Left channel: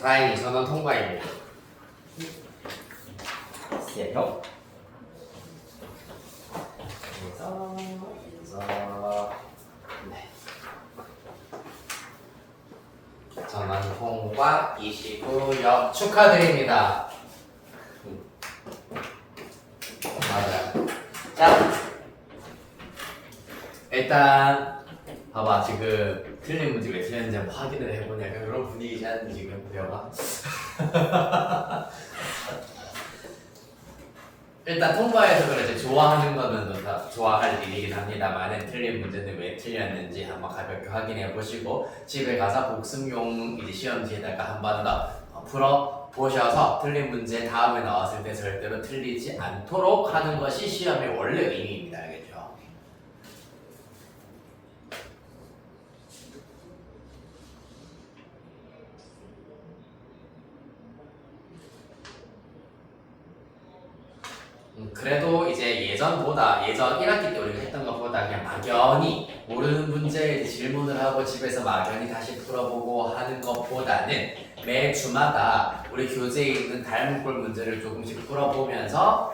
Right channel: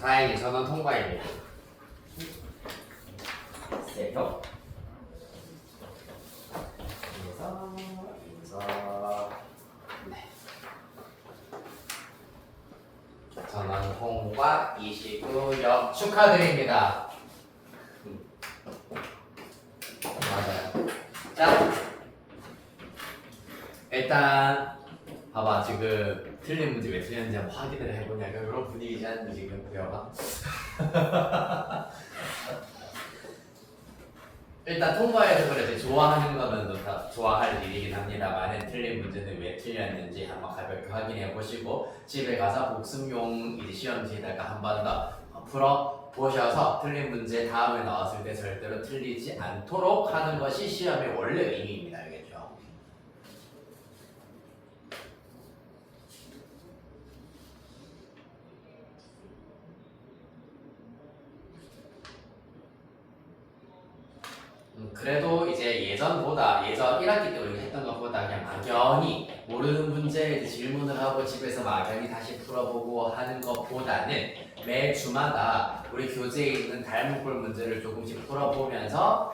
다행히 저는 통과입니다. 세로. 그래서 네. 전원 통과 29역 축하드립니다. 맞아요. 자, 일단 봐봐 지금 틀린 문제 왜 틀렸는지 한번 확인을 해보냐 약간 그런 분위기지 않니 지금 배워봐. 일단 통과해서 그렇지 좋아하는 거는 다 좋아할 일이긴 합니다만 틀린 문제는 왜 틀렸는지 한번 가볍게 확인해 보시고 집에 가서 복습용 이제 시험지에다가 한 번 더 풀어 보셔서 틀린 문제 다음에 나왔을 때 절대로 틀리지 않도록 하는 것이 시험의 원래 의미입니다. 알겠죠? 그래도 이제 예전 1학기 때 우리가 했던 것보다 그냥 막연히 모르는 문제에 질문을 하고 집에서 막연히 다시 풀어보고 하는 것보다는 매 주마다 우리 교재에 있는 닮은꼴 문제를 조금씩 풀어보면서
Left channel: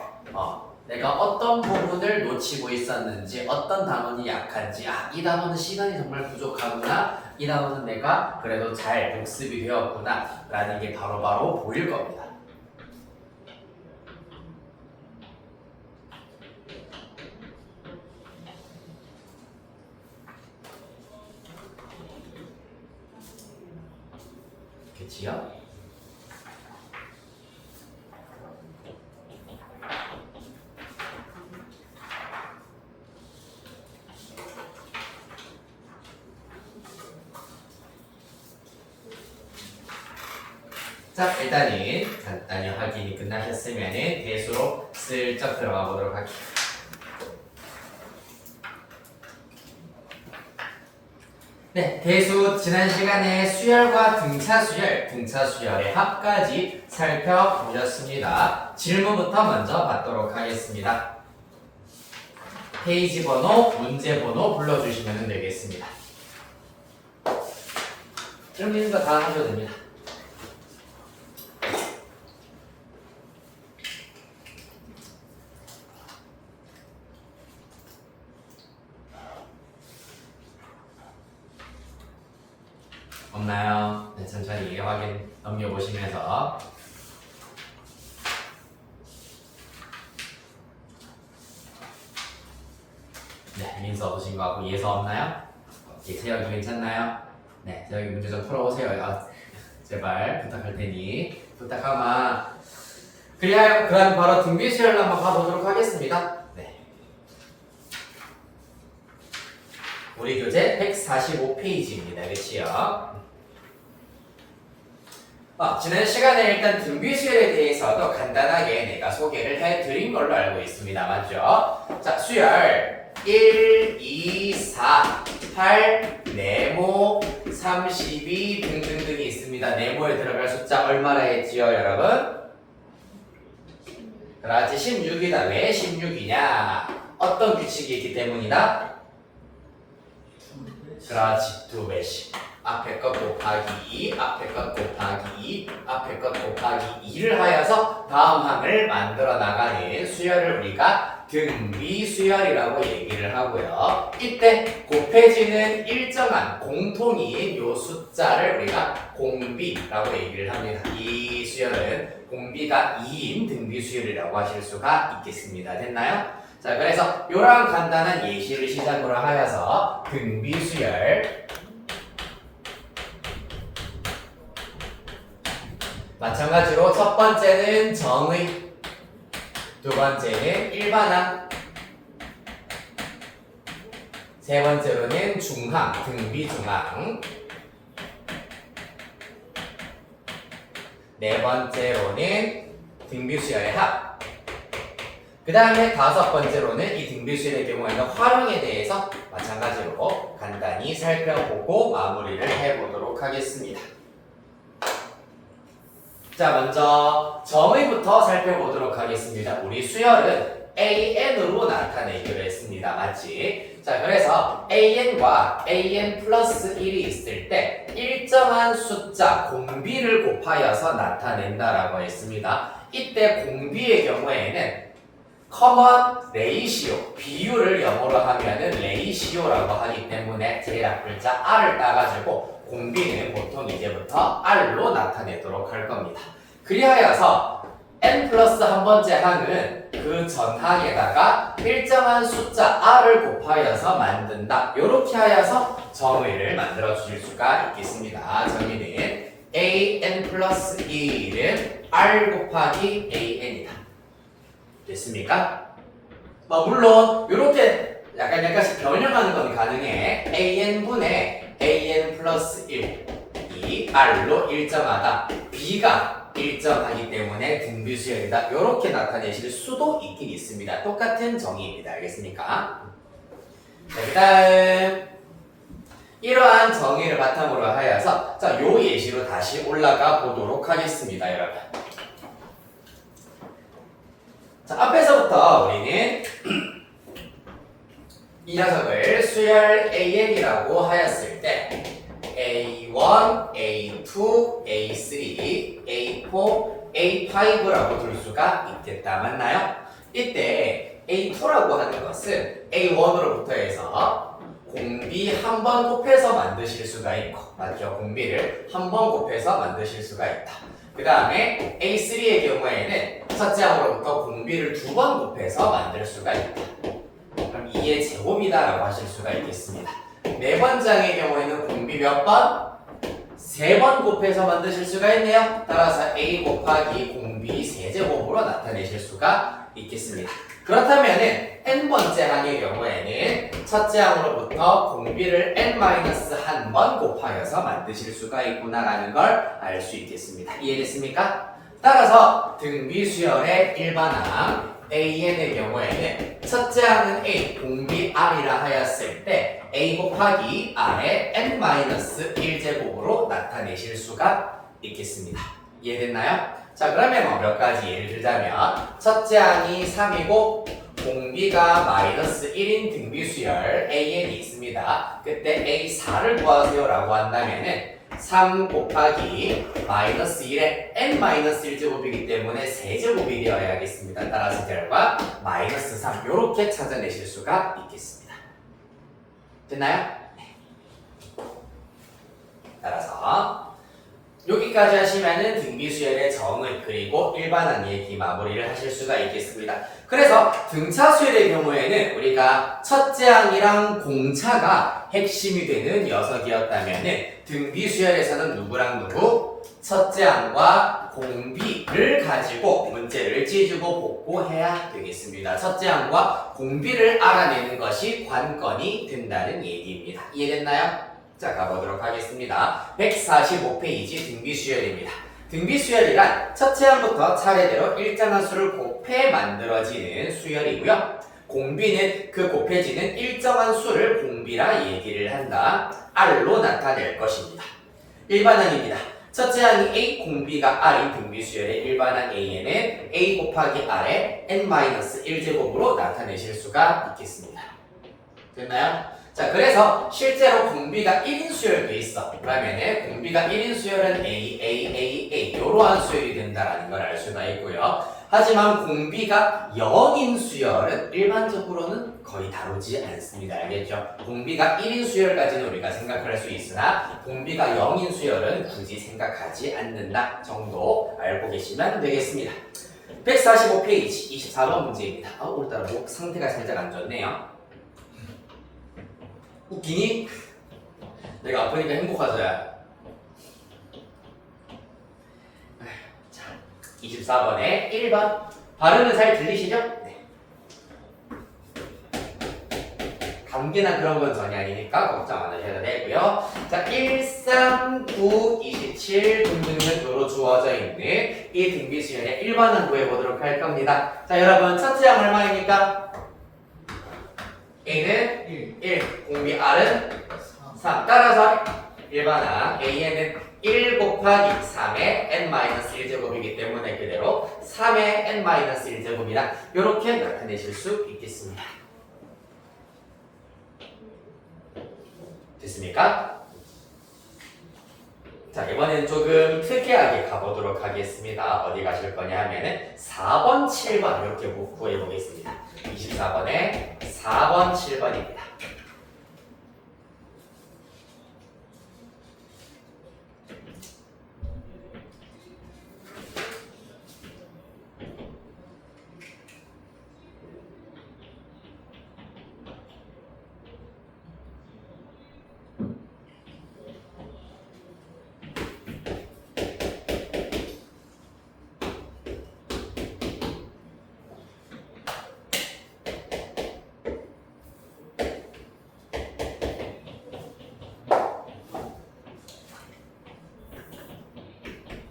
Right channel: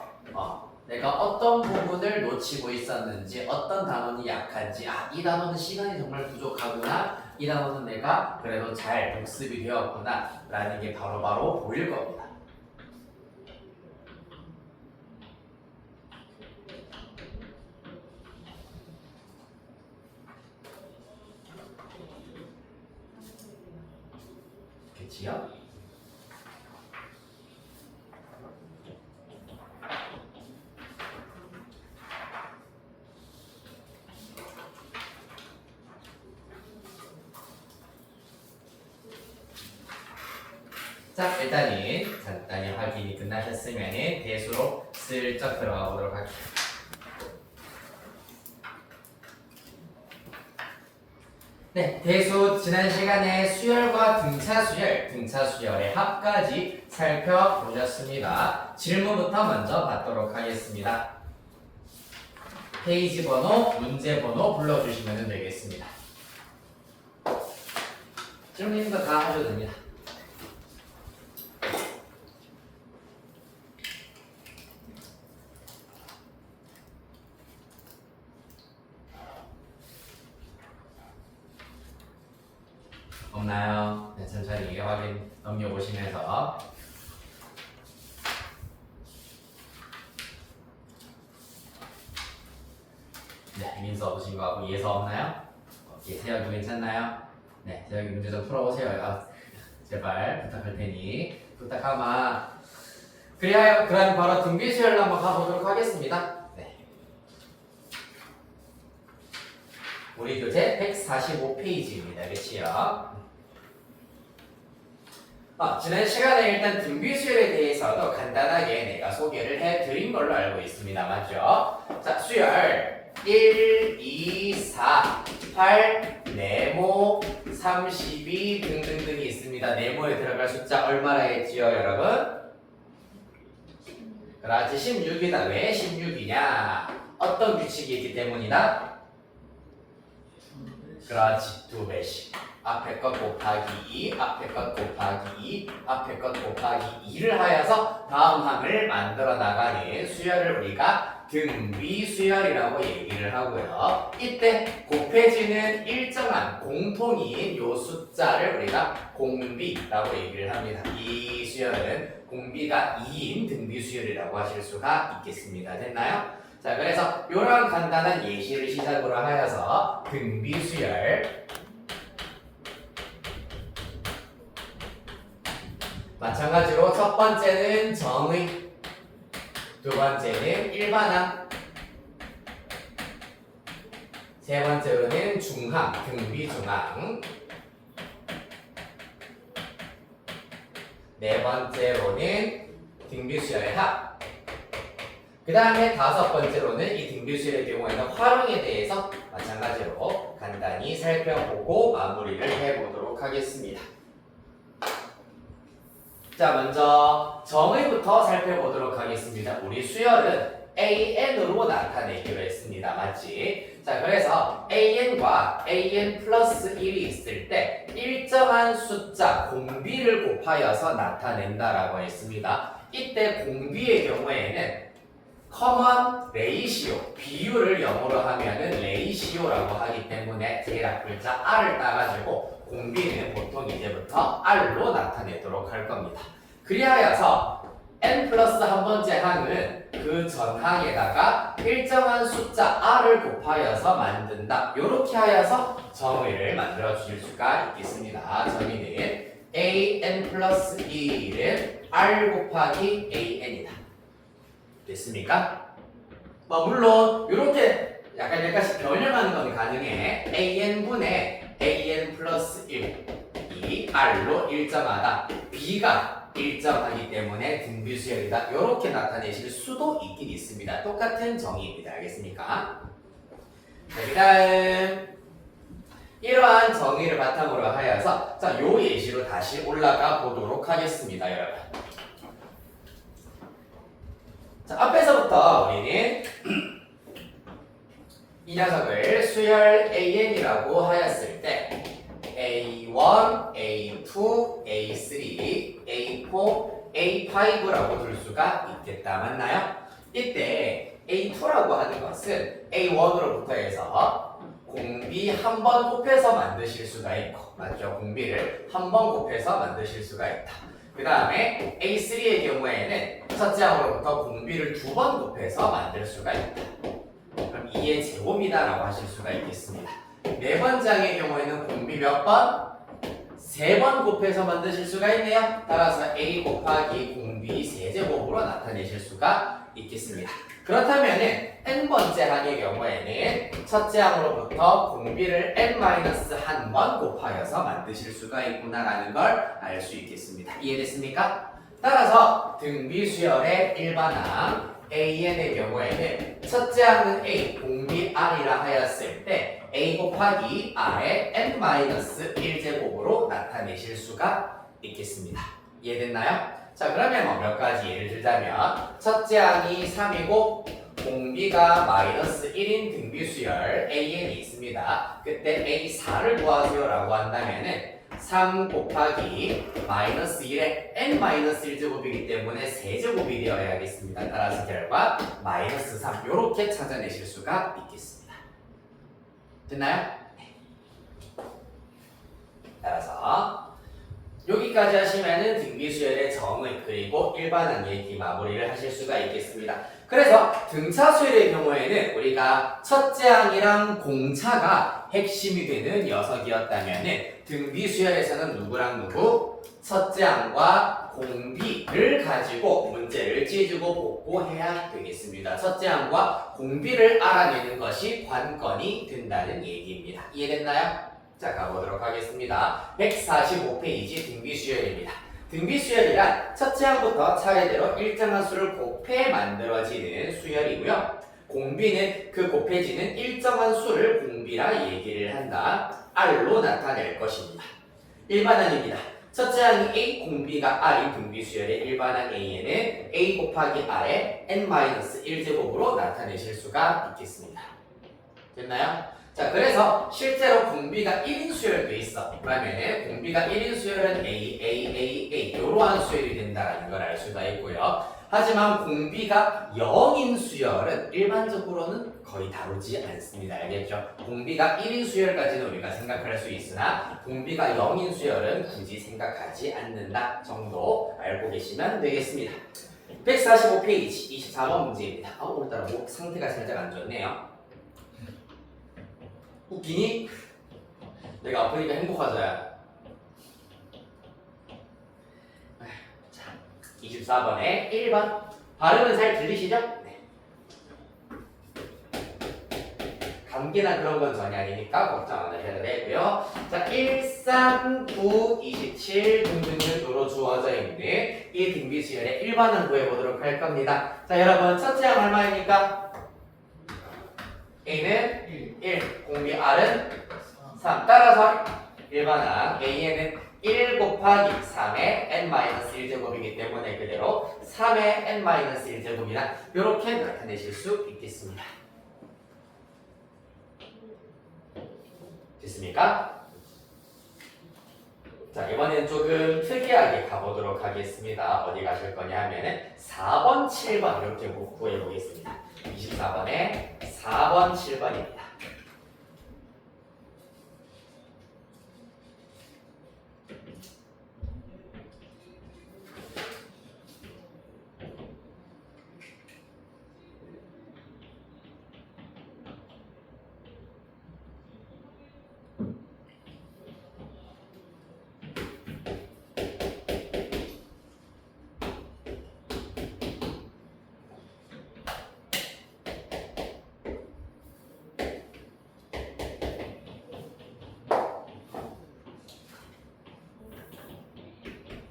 내가 어떤 부분을 놓치고 있었는지 어떤 단원이 약한지 이 단원은 시간이 정말 부족하구나 이 단원은 내가 그래도 잘 복습이 되었구나 라는 게 바로바로 보일 겁니다. 그치요? 자, 일단은 간단히 확인이 끝나셨으면 대수로 슬쩍 들어가 보도록 할게요. 네, 대수 지난 시간에 수열과 등차 수열의 합까지 살펴보셨습니다. 질문부터 먼저 받도록 하겠습니다. 페이지 번호, 문제 번호 불러주시면 되겠습니다. 질문 있는 거 다 하셔도 됩니다. 없나요? 네, 천천히 확인 넘겨보시면서 네, 민서 없으신 거 같고 예서 없나요? 세혁이 괜찮나요? 네, 세혁이 문제 좀 풀어보세요. 제발 부탁할 테니 부탁하마. 그럼 바로 등비 수열로 한번 가보도록 하겠습니다. 네. 우리 교재 145페이지입니다. 그치요? 지난 시간에 일단 등비 수열에 대해서도 간단하게 내가 소개를 해드린 걸로 알고 있습니다. 맞죠? 자, 수열 1, 2, 4, 8, 네모, 32 등등등이 있습니다. 네모에 들어갈 숫자 얼마나 했지요, 여러분? 그렇지, 16이다. 왜 16이냐? 어떤 규칙이 있기 때문이다? 그렇지, 2배씩. 앞에 것 곱하기 2, 앞에 것 곱하기 2, 앞에 것 곱하기 2를 하여서 다음 항을 만들어 나가는 수열을 우리가 등비 수열이라고 얘기를 하고요. 이때 곱해지는 일정한 공통인 요 숫자를 우리가 공비라고 얘기를 합니다. 이 수열은 공비가 2인 등비 수열이라고 하실 수가 있겠습니다. 됐나요? 자, 그래서 이러한 간단한 예시를 시작으로 하여서 등비 수열 마찬가지로 첫 번째는 정의, 두 번째는 일반항, 세 번째로는 중항, 등비중항, 네 번째로는 등비수열의 합, 그 다음에 다섯 번째로는 이 등비수열의 경우에는 활용에 대해서 마찬가지로 간단히 살펴보고 마무리를 해보도록 하겠습니다. 자, 먼저 정의부터 살펴보도록 하겠습니다. 우리 수열은 AN으로 나타내기로 했습니다. 맞지? 자, 그래서 AN과 AN 플러스 1이 있을 때 일정한 숫자 공비를 곱하여서 나타낸다라고 했습니다. 이때 공비의 경우에는 커먼 레이시오, 비율을 영어로 하면은 레이시오라고 하기 때문에 제일 앞 글자 R을 따가지고 공비는 보통 이제부터 R로 나타내도록 할 겁니다. 그리하여서 n 플러스 한 번째 항은 그 전항에다가 일정한 숫자 r을 곱하여서 만든다. 이렇게 하여서 정의를 만들어 주실 수가 있겠습니다. 정의는 an 플러스 1은 r 곱하기 an이다. 됐습니까? 물론 이렇게 약간씩 변형하는 건 가능해. an분의 an 플러스 1이 r로 일정하다. b가 일정하기 때문에 등비수열이다. 이렇게 나타내실 수도 있긴 있습니다. 똑같은 정의입니다. 알겠습니까? 자, 그 다음 이러한 정의를 바탕으로 하여서 자, 요 예시로 다시 올라가 보도록 하겠습니다. 여러분. 자, 앞에서부터 우리는 이 녀석을 수열 AN이라고 하였을 때 A1, A2, A3, A4, A5라고 둘 수가 있겠다. 맞나요? 이때 A2라고 하는 것은 A1으로부터 해서 공비 한 번 곱해서 만드실 수가 있고, 맞죠? 공비를 한 번 곱해서 만드실 수가 있다. 그 다음에 A3의 경우에는 첫째 항으로부터 공비를 두 번 곱해서 만들 수가 있다. 그럼 2의 제곱이다라고 하실 수가 있겠습니다. 네 번째 항의 경우에는 공비 몇 번? 3번 곱해서 만드실 수가 있네요. 따라서 A 곱하기 공비 세제곱으로 나타내실 수가 있겠습니다. 그렇다면은 n번째 항의 경우에는 첫째 항으로부터 공비를 n-1번 곱하여서 만드실 수가 있구나라는 걸 알 수 있겠습니다. 이해됐습니까? 따라서 등비수열의 일반항 AN의 경우에는 첫째 항은 A, 공비 R이라 하였을 때 A 곱하기 R의 n-1제곱으로 나타내실 수가 있겠습니다. 이해됐나요? 자, 그러면 몇 가지 예를 들자면 첫째 항이 3이고 공비가 마이너스 1인 등비수열 AN이 있습니다. 그때 A4를 구하세요 라고 한다면은 3 곱하기 마이너스 1의 n-1제곱이기 때문에 세제곱이 되어야겠습니다. 따라서 결과 마이너스 3 이렇게 찾아내실 수가 있겠습니다. 됐나요? 네. 따라서 여기까지 하시면은 등비수열의 정의 그리고 일반항 얘기 마무리를 하실 수가 있겠습니다. 그래서 등차수열의 경우에는 우리가 첫째 항이랑 공차가 핵심이 되는 녀석이었다면은 등비수열에서는 누구랑 누구? 첫째 항과 공비를 가지고 문제를 찢고 복구해야 되겠습니다. 첫째 항과 공비를 알아내는 것이 관건이 된다는 얘기입니다. 이해됐나요? 자, 가보도록 하겠습니다. 145페이지 등비수열입니다. 등비수열이란 첫째 항부터 차례대로 일정한 수를 곱해 만들어지는 수열이고요. 공비는 그 곱해지는 일정한 수를 공비라 얘기를 한다. R로 나타낼 것입니다. 일반항입니다. 첫째 항이 A, 공비가 R이 등비수열의 일반항 A에는 A 곱하기 R의 n-1제곱으로 나타내실 수가 있겠습니다. 됐나요? 자, 그래서 실제로 공비가 1인 수열도 있어. 그러면 공비가 1인 수열은 A 이러한 수열이 된다는 걸 알 수가 있고요. 하지만 공비가 0인 수열은 일반적으로는 거의 다루지 않습니다. 알겠죠? 공비가 1인 수열까지는 우리가 생각할 수 있으나 공비가 0인 수열은 굳이 생각하지 않는다 정도 알고 계시면 되겠습니다. 145페이지 24번 문제입니다. 오늘따라 목 상태가 살짝 안 좋네요. 웃기니? 내가 아프니까 행복하자야. 자, 24번에 1번. 발음은 잘 들리시죠? 네. 감기나 그런 건 전혀 아니니까 걱정 안 하셔도 되고요. 자, 1, 3, 9, 27 등등으로 주어져 있는 이 등비수열의 1번을 구해보도록 할 겁니다. 자, 여러분 첫째 항 얼마입니까? A는 1, 공비 R은 3. 따라서 일반항 A에는 1 곱하기 3의 n-1제곱이기 때문에 그대로 3의 n-1제곱이다. 이렇게 나타내실 수 있겠습니다. 됐습니까? 자, 이번엔 조금 특이하게 가보도록 하겠습니다. 어디 가실 거냐 하면은 4번, 7번 이렇게 구해보겠습니다. 24번에 4번, 7번입니다.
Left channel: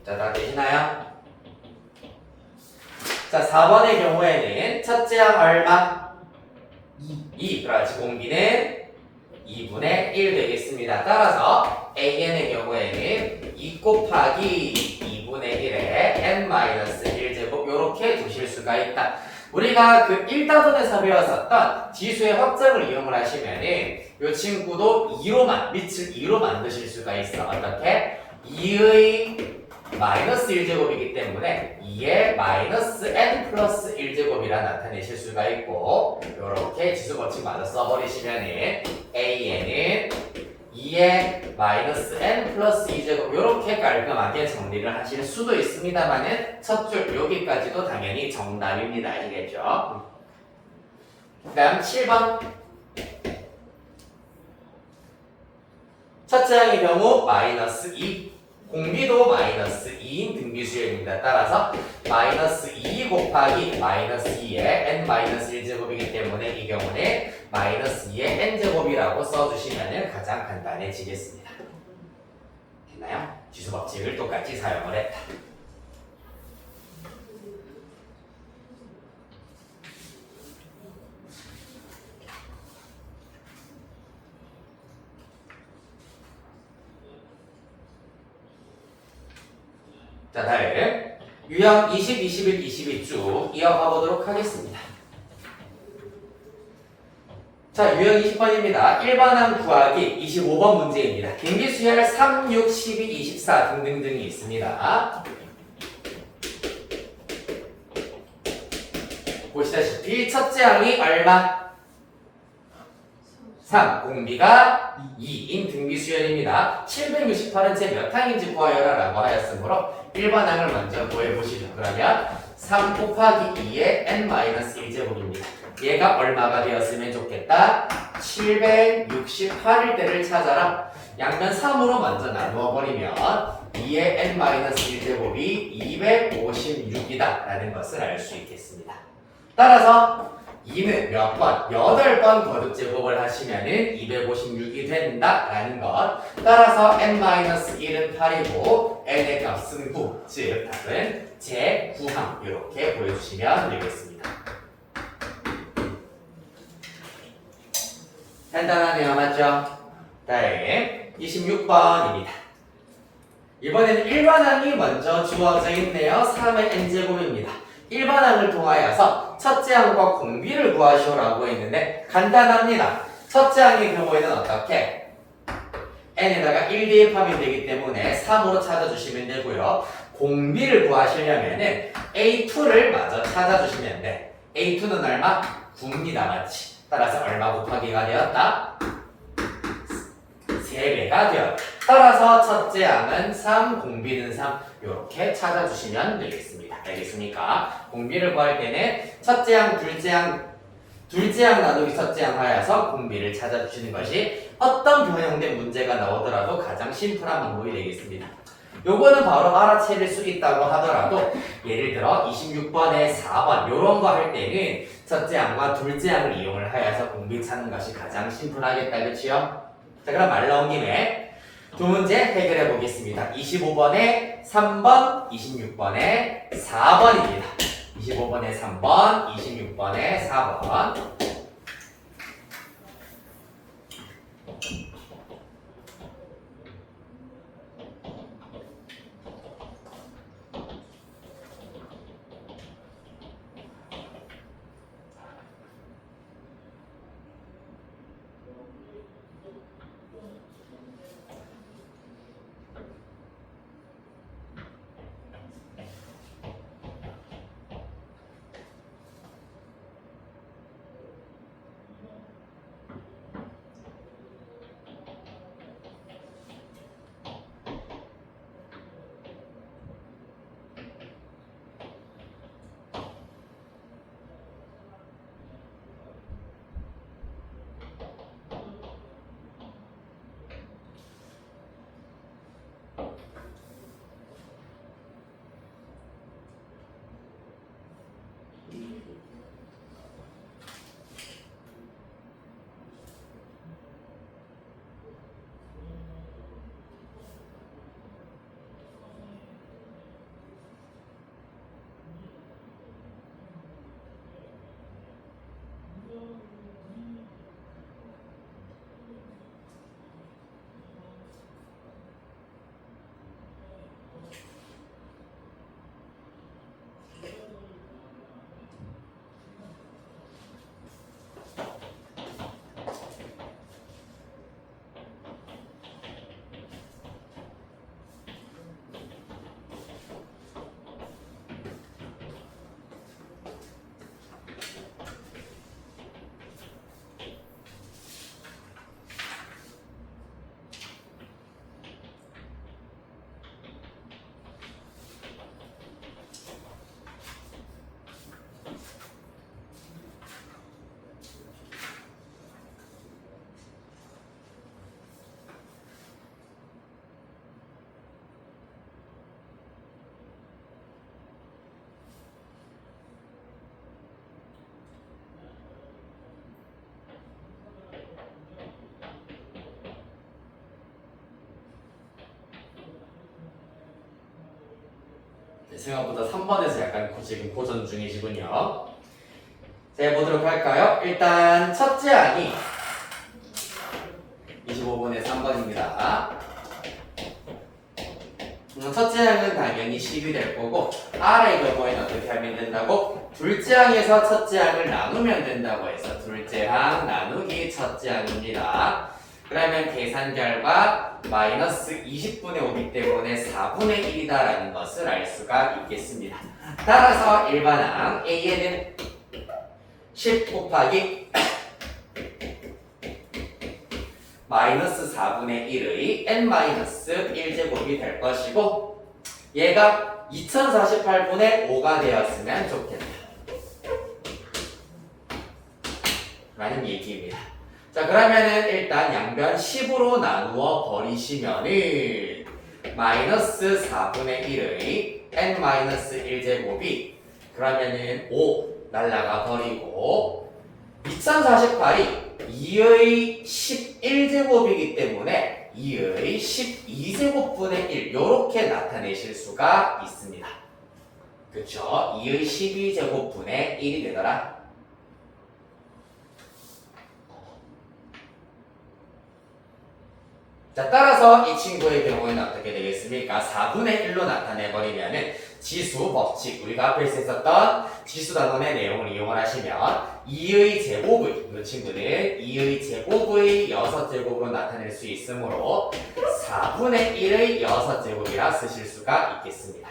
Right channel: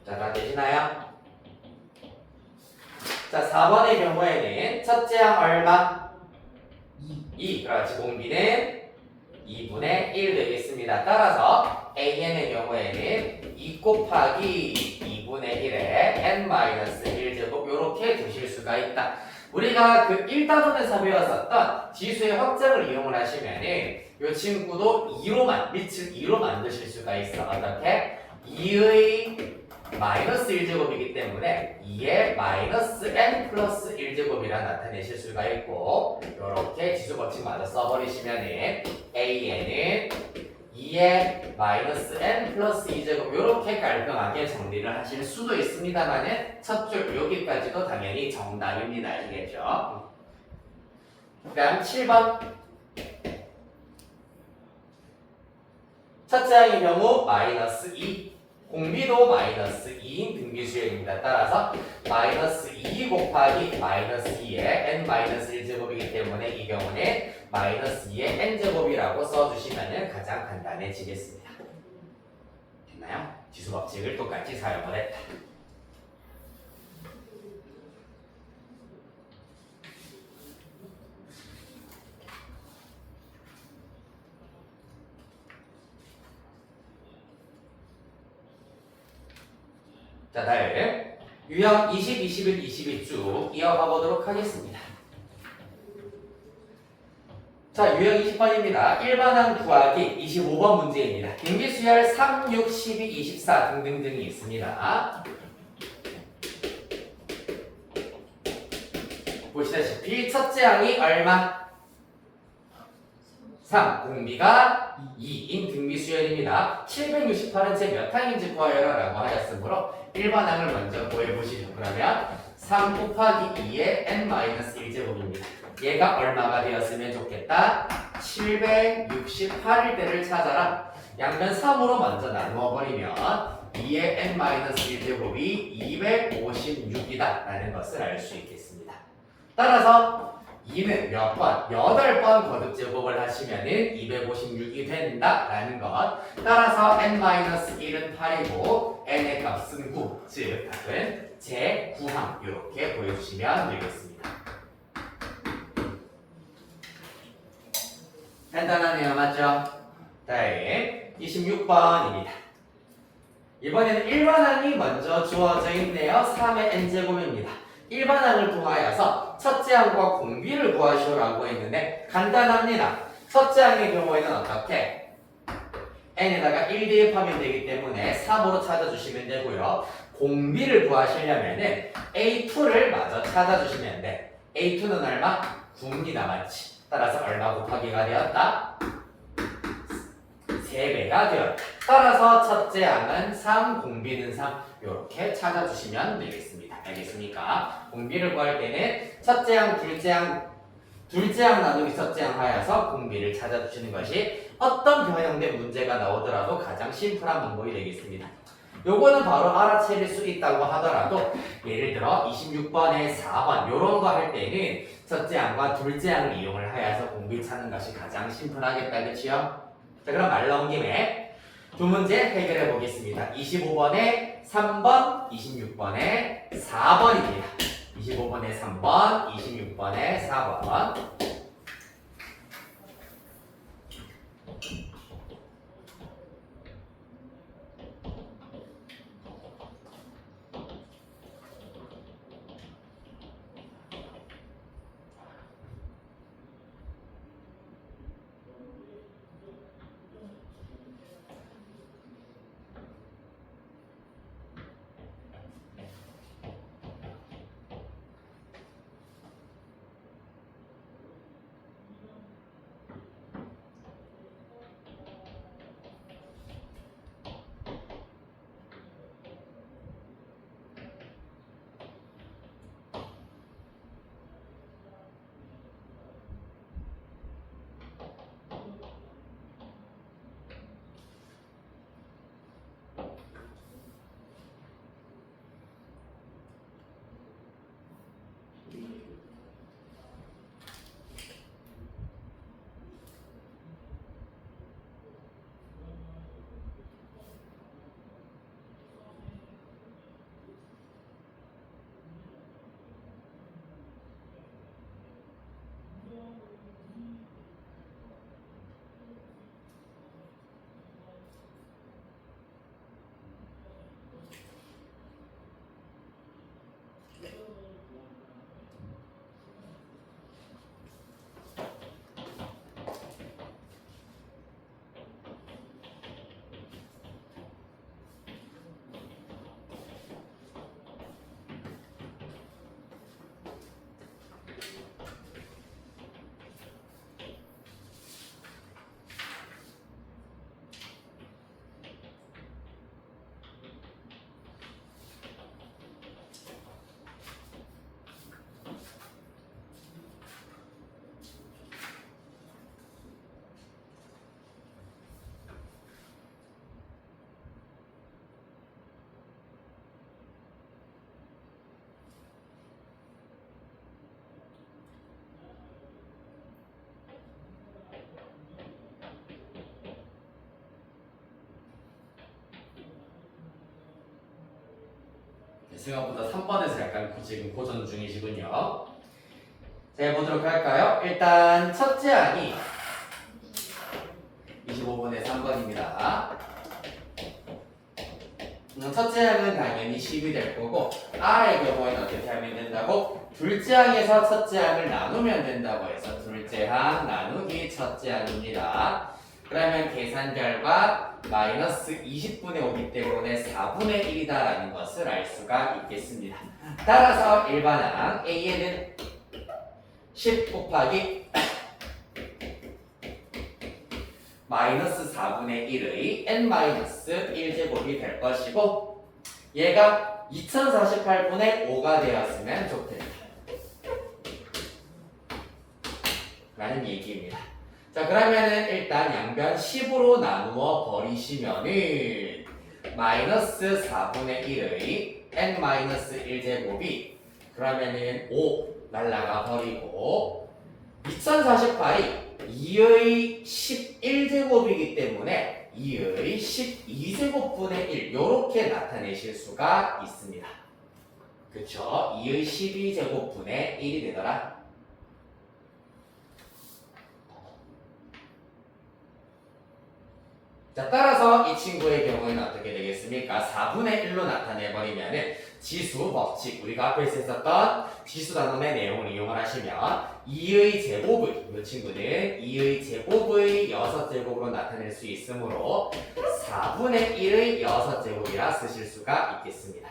자, 다 되시나요? 자, 4번의 경우에는 첫째 항 얼마? 2. 그렇지. 공비는 2분의 1 되겠습니다. 따라서 AN의 경우에는 2 곱하기 2분의 1에 n-1제곱 이렇게 두실 수가 있다. 우리가 그 1다전에서 배웠었던 지수의 확장을 이용을 하시면은 이 친구도 2로만, 밑을 2로 만드실 수가 있어. 어떻게? 2의 마이너스 1제곱이기 때문에 2의 마이너스 n 플러스 1제곱이라 나타내실 수가 있고 이렇게 지수 법칙 마저 써버리시면은 AN은 2의 마이너스 n 플러스 2제곱 이렇게 깔끔하게 정리를 하실 수도 있습니다만은 첫 줄 여기까지도 당연히 정답입니다. 아시겠죠? 그 다음 7번 첫째 항의 경우 마이너스 2 공비도 마이너스 2인 등비수열입니다. 따라서 마이너스 2 곱하기 마이너스 2의 n-1제곱이기 때문에 이 경우는 마이너스 2의 n제곱이라고 써주시면 가장 간단해지겠습니다. 됐나요? 지수 법칙을 똑같이 사용을 했다. 자, 다음 유형 20, 21, 22 쭉 이어가 보도록 하겠습니다. 자, 유형 20번입니다. 1번항 구하기 25번 문제입니다. 등비수열 3, 6, 12, 24 등등등이 있습니다. 보시다시피 첫째 항이 얼마? 3, 공비가 2인 등비수열입니다. 768은 제 몇 항인지 구하여라 라고 하였으므로 1번 항을 먼저 구해보시죠. 그러면 3 곱하기 2의 n-1제곱입니다. 얘가 얼마가 되었으면 좋겠다? 768일 때를 찾아라. 양변 3으로 먼저 나누어버리면 2의 n-1제곱이 256이다 라는 것을 알 수 있겠습니다. 따라서 2는 몇 번? 8번 거듭제곱을 하시면은 256이 된다라는 것. 따라서 n-1은 8이고 n의 값은 9. 즉 답은 제9항 이렇게 보여주시면 되겠습니다. 간단하네요. 맞죠? 다음 26번입니다. 이번에는 1번항이 먼저 주어져 있네요. 3의 n제곱입니다. 1번항을 통하여서 첫째 항과 공비를 구하시오라고 했는데 간단합니다. 첫째 항의 경우에는 어떻게? n에다가 1 대입하면 되기 때문에 3으로 찾아주시면 되고요. 공비를 구하시려면은 A2를 마저 찾아주시면 돼. A2는 얼마? 9입니다. 맞지? 따라서 얼마 곱하기가 되었다? 3배가 되었다. 따라서 첫째 항은 3, 공비는 3 이렇게 찾아주시면 되겠습니다. 알겠습니까? 공비를 구할 때는 첫째 항, 둘째 항 나누기 첫째 항 하여서 공비를 찾아주시는 것이 어떤 변형된 문제가 나오더라도 가장 심플한 방법이 되겠습니다. 요거는 바로 알아차릴 수 있다고 하더라도 예를 들어 26번에 4번 요런 거 할 때는 첫째 항과 둘째 항을 이용을 하여서 공비 찾는 것이 가장 심플하겠다. 그치요? 자, 그럼 말 나온 김에 두 문제 해결해 보겠습니다. 25번에 3번, 26번에 4번입니다. 25번에 3번, 26번에 4번. 생각보다 3번에서 약간 지금 고전 중이시군요. 자, 해보도록 할까요? 일단 첫째 항이 25분의 3번입니다. 첫째 항은 당연히 10이 될 거고 R의 경우에는 어떻게 하면 된다고? 둘째 항에서 첫째 항을 나누면 된다고 해서 둘째 항 나누기 첫째 항입니다. 그러면 계산 결과 마이너스 20분의 5이기 때문에 4분의 1이다 라는 것을 알 수가 있겠습니다. 따라서 일반항 A에는 10 곱하기 마이너스 4분의 1의 n-1제곱이 될 것이고 얘가 2048분의 5가 되었으면 좋겠다 라는 얘기입니다. 자, 그러면은 일단 양변 10으로 나누어 버리시면은 마이너스 4분의 1의 n-1제곱이 그러면은 5 날라가 버리고 2048이 2의 11제곱이기 때문에 2의 12제곱분의 1 이렇게 나타내실 수가 있습니다. 그쵸? 2의 12제곱분의 1이 되더라. 자, 따라서 이 친구의 경우에는 어떻게 되겠습니까? 4분의 1로 나타내버리면은 지수 법칙, 우리가 앞에서 했었던 지수 단원의 내용을 이용을 하시면 2의 제곱의, 이 친구는 2의 제곱의 6제곱으로 나타낼 수 있으므로 4분의 1의 6제곱이라 쓰실 수가 있겠습니다.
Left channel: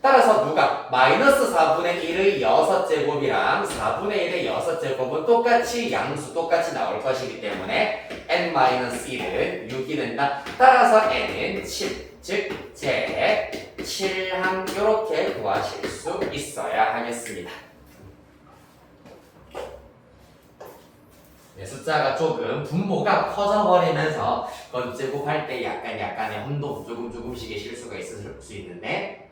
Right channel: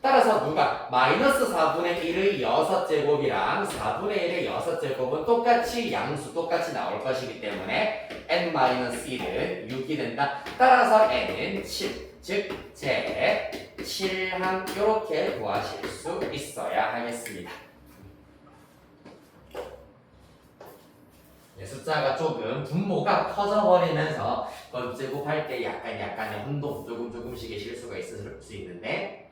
따라서 누가 마이너스 4분의 1의 6제곱이랑 4분의 1의 6제곱은 똑같이 양수 똑같이 나올 것이기 때문에 n-1은 6이 된다. 따라서 n은 7, 즉 제 7항 이렇게 구하실 수 있어야 하겠습니다. 숫자가 조금 분모가 커져버리면서 번제곱할 때 약간의 혼동 조금씩의 실수가 있을 수 있는데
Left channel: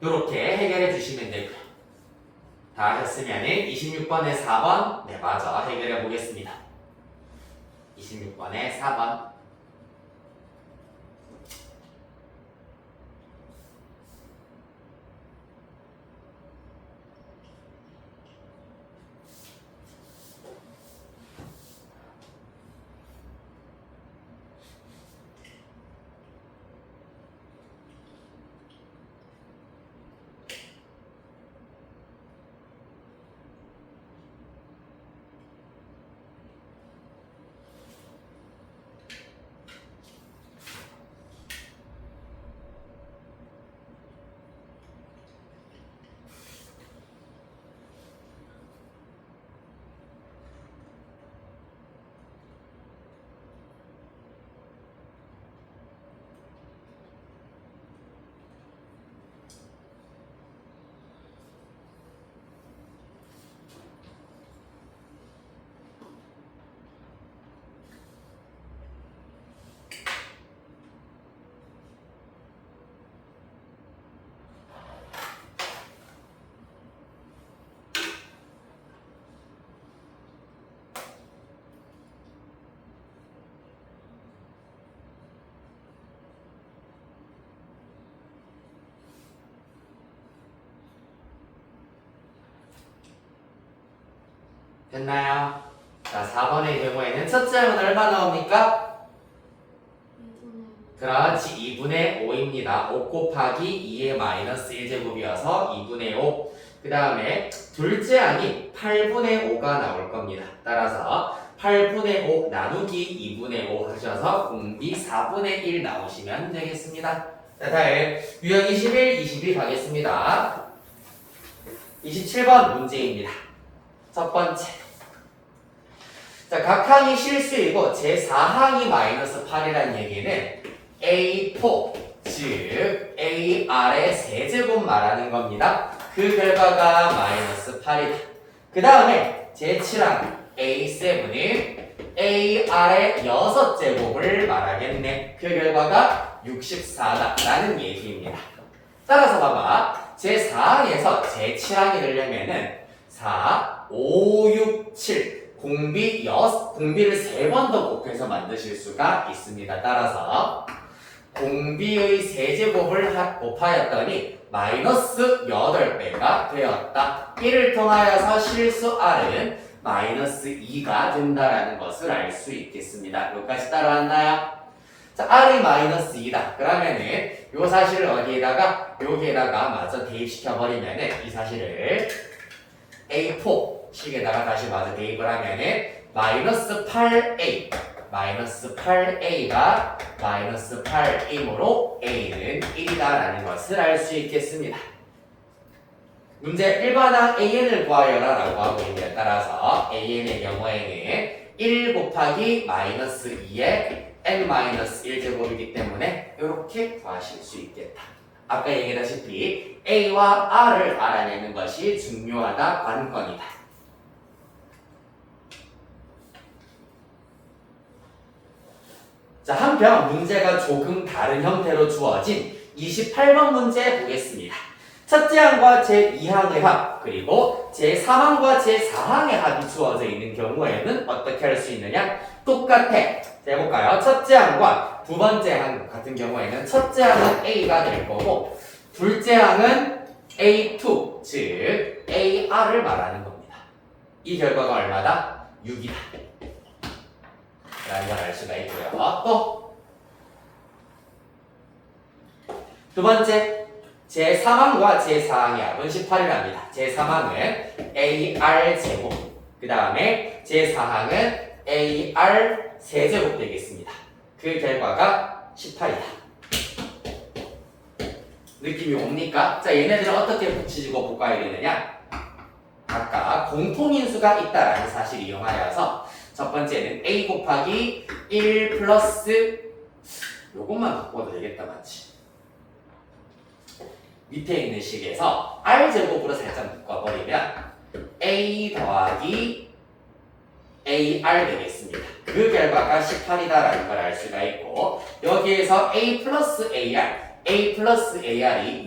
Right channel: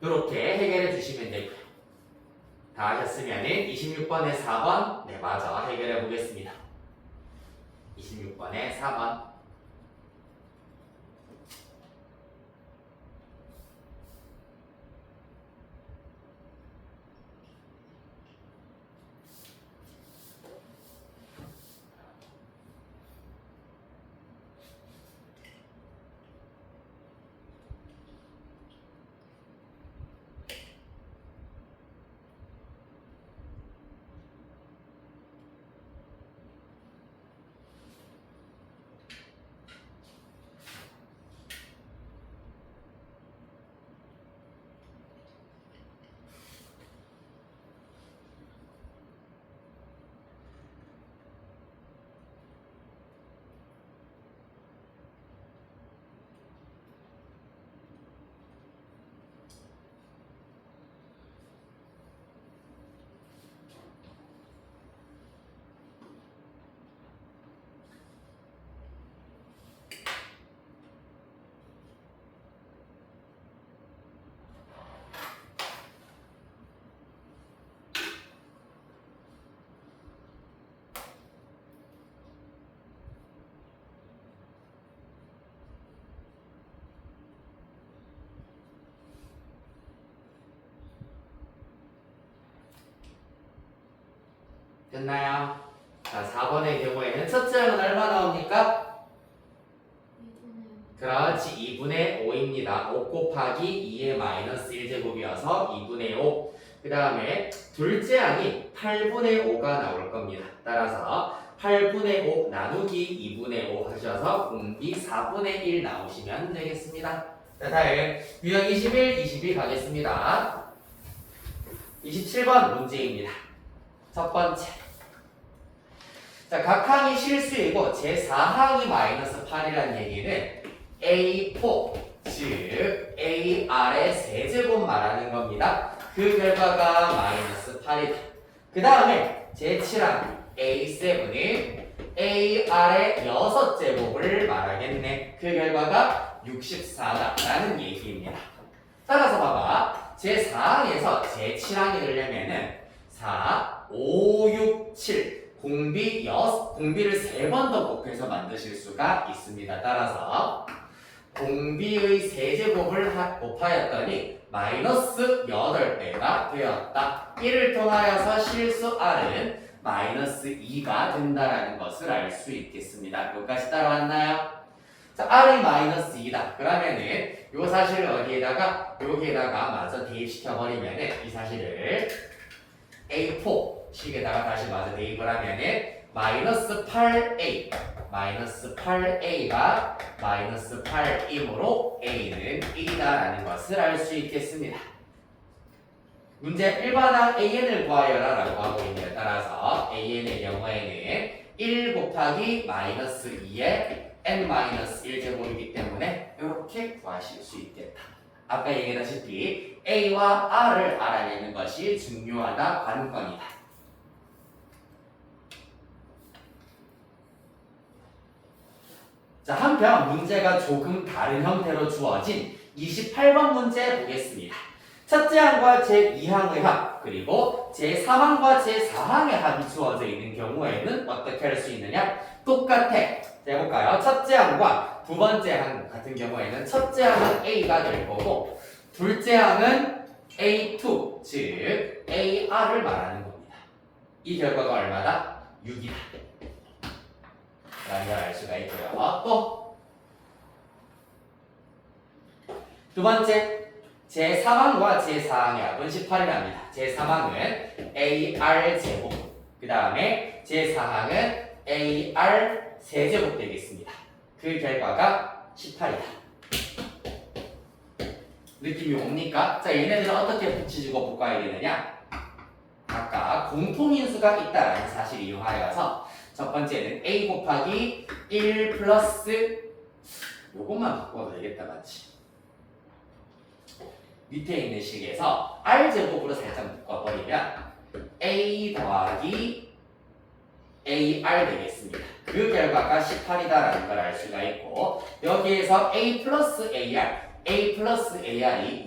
이렇게 해결해 주시면 되고요. 다 하셨으면 26번에 4번 네 맞아 해결해 보겠습니다. 26번에 4번 됐나요? 자, 4번의 경우에는 첫째 항은 얼마 나옵니까? 그렇지, 2분의 5입니다. 5 곱하기 2의 마이너스 1제곱이어서 2분의 5. 그 다음에 둘째 항이 8분의 5가 나올 겁니다. 따라서 8분의 5 나누기 2분의 5 하셔서 공비 4분의 1 나오시면 되겠습니다. 자, 다음 유형 21, 22 가겠습니다. 27번 문제입니다. 첫 번째. 자, 각 항이 실수이고 제4항이 마이너스 8이라는 얘기는 A4, 즉 AR의 세제곱 말하는 겁니다. 그 결과가 마이너스 8이다. 그 다음에 제7항 A7은 AR의 6제곱을 말하겠네. 그 결과가 64다 라는 얘기입니다. 따라서 봐봐. 제4항에서 제7항이 되려면은 4, 5, 6, 7 공비를 3번 더 곱해서 만드실 수가 있습니다. 따라서 공비의 세제곱을 곱하였더니 마이너스 8배가 되었다. 이를 통하여서 실수 R은 마이너스 2가 된다는 것을 알 수 있겠습니다. 여기까지 따라왔나요? 자, R이 마이너스 2다. 그러면은 이 사실을 어디에다가 여기에다가 마저 대입시켜버리면은 이 사실을 A4 식에다가 다시 마저 대입을 하면은 마이너스 8A 마이너스 8A가 마이너스 8이므로 A는 1이다라는 것을 알 수 있겠습니다. 문제 1번항 AN을 구하여라 라고 하고 있는데 따라서 AN의 경우에는 1 곱하기 마이너스 2의 n-1제곱이기 때문에 이렇게 구하실 수 있겠다. 아까 얘기했다시피 A와 R을 알아내는 것이 중요하다 관건이다. 자, 한편 문제가 조금 다른 형태로 주어진 28번 문제 보겠습니다. 첫째 항과 제2항의 합, 그리고 제3항과 제4항의 합이 주어져 있는 경우에는 어떻게 할 수 있느냐? 똑같아. 자, 해볼까요? 첫째 항과 두 번째 항 같은 경우에는 첫째 항은 A가 될 거고 둘째 항은 A2, 즉 AR을 말하는 겁니다. 이 결과가 얼마다? 6이다. 라는 걸 알 수가 있고요. 또 두 번째, 제3항과 제4항의 합은 18이랍니다. 제3항은 AR제곱, 그 다음에 제4항은 AR 세제곱 되겠습니다. 그 결과가 18이다. 느낌이 옵니까? 자, 얘네들은 어떻게 붙이고 볶아야 되느냐? 각각 공통인수가 있다라는 사실을 이용하여서 첫 번째는 A 곱하기 1 플러스 요것만 바꿔도 되겠다, 맞지? 밑에 있는 식에서 R제곱으로 살짝 묶어버리면 A 더하기 AR 되겠습니다. 그 결과가 18이다라는 걸 알 수가 있고 여기에서 A 플러스 AR이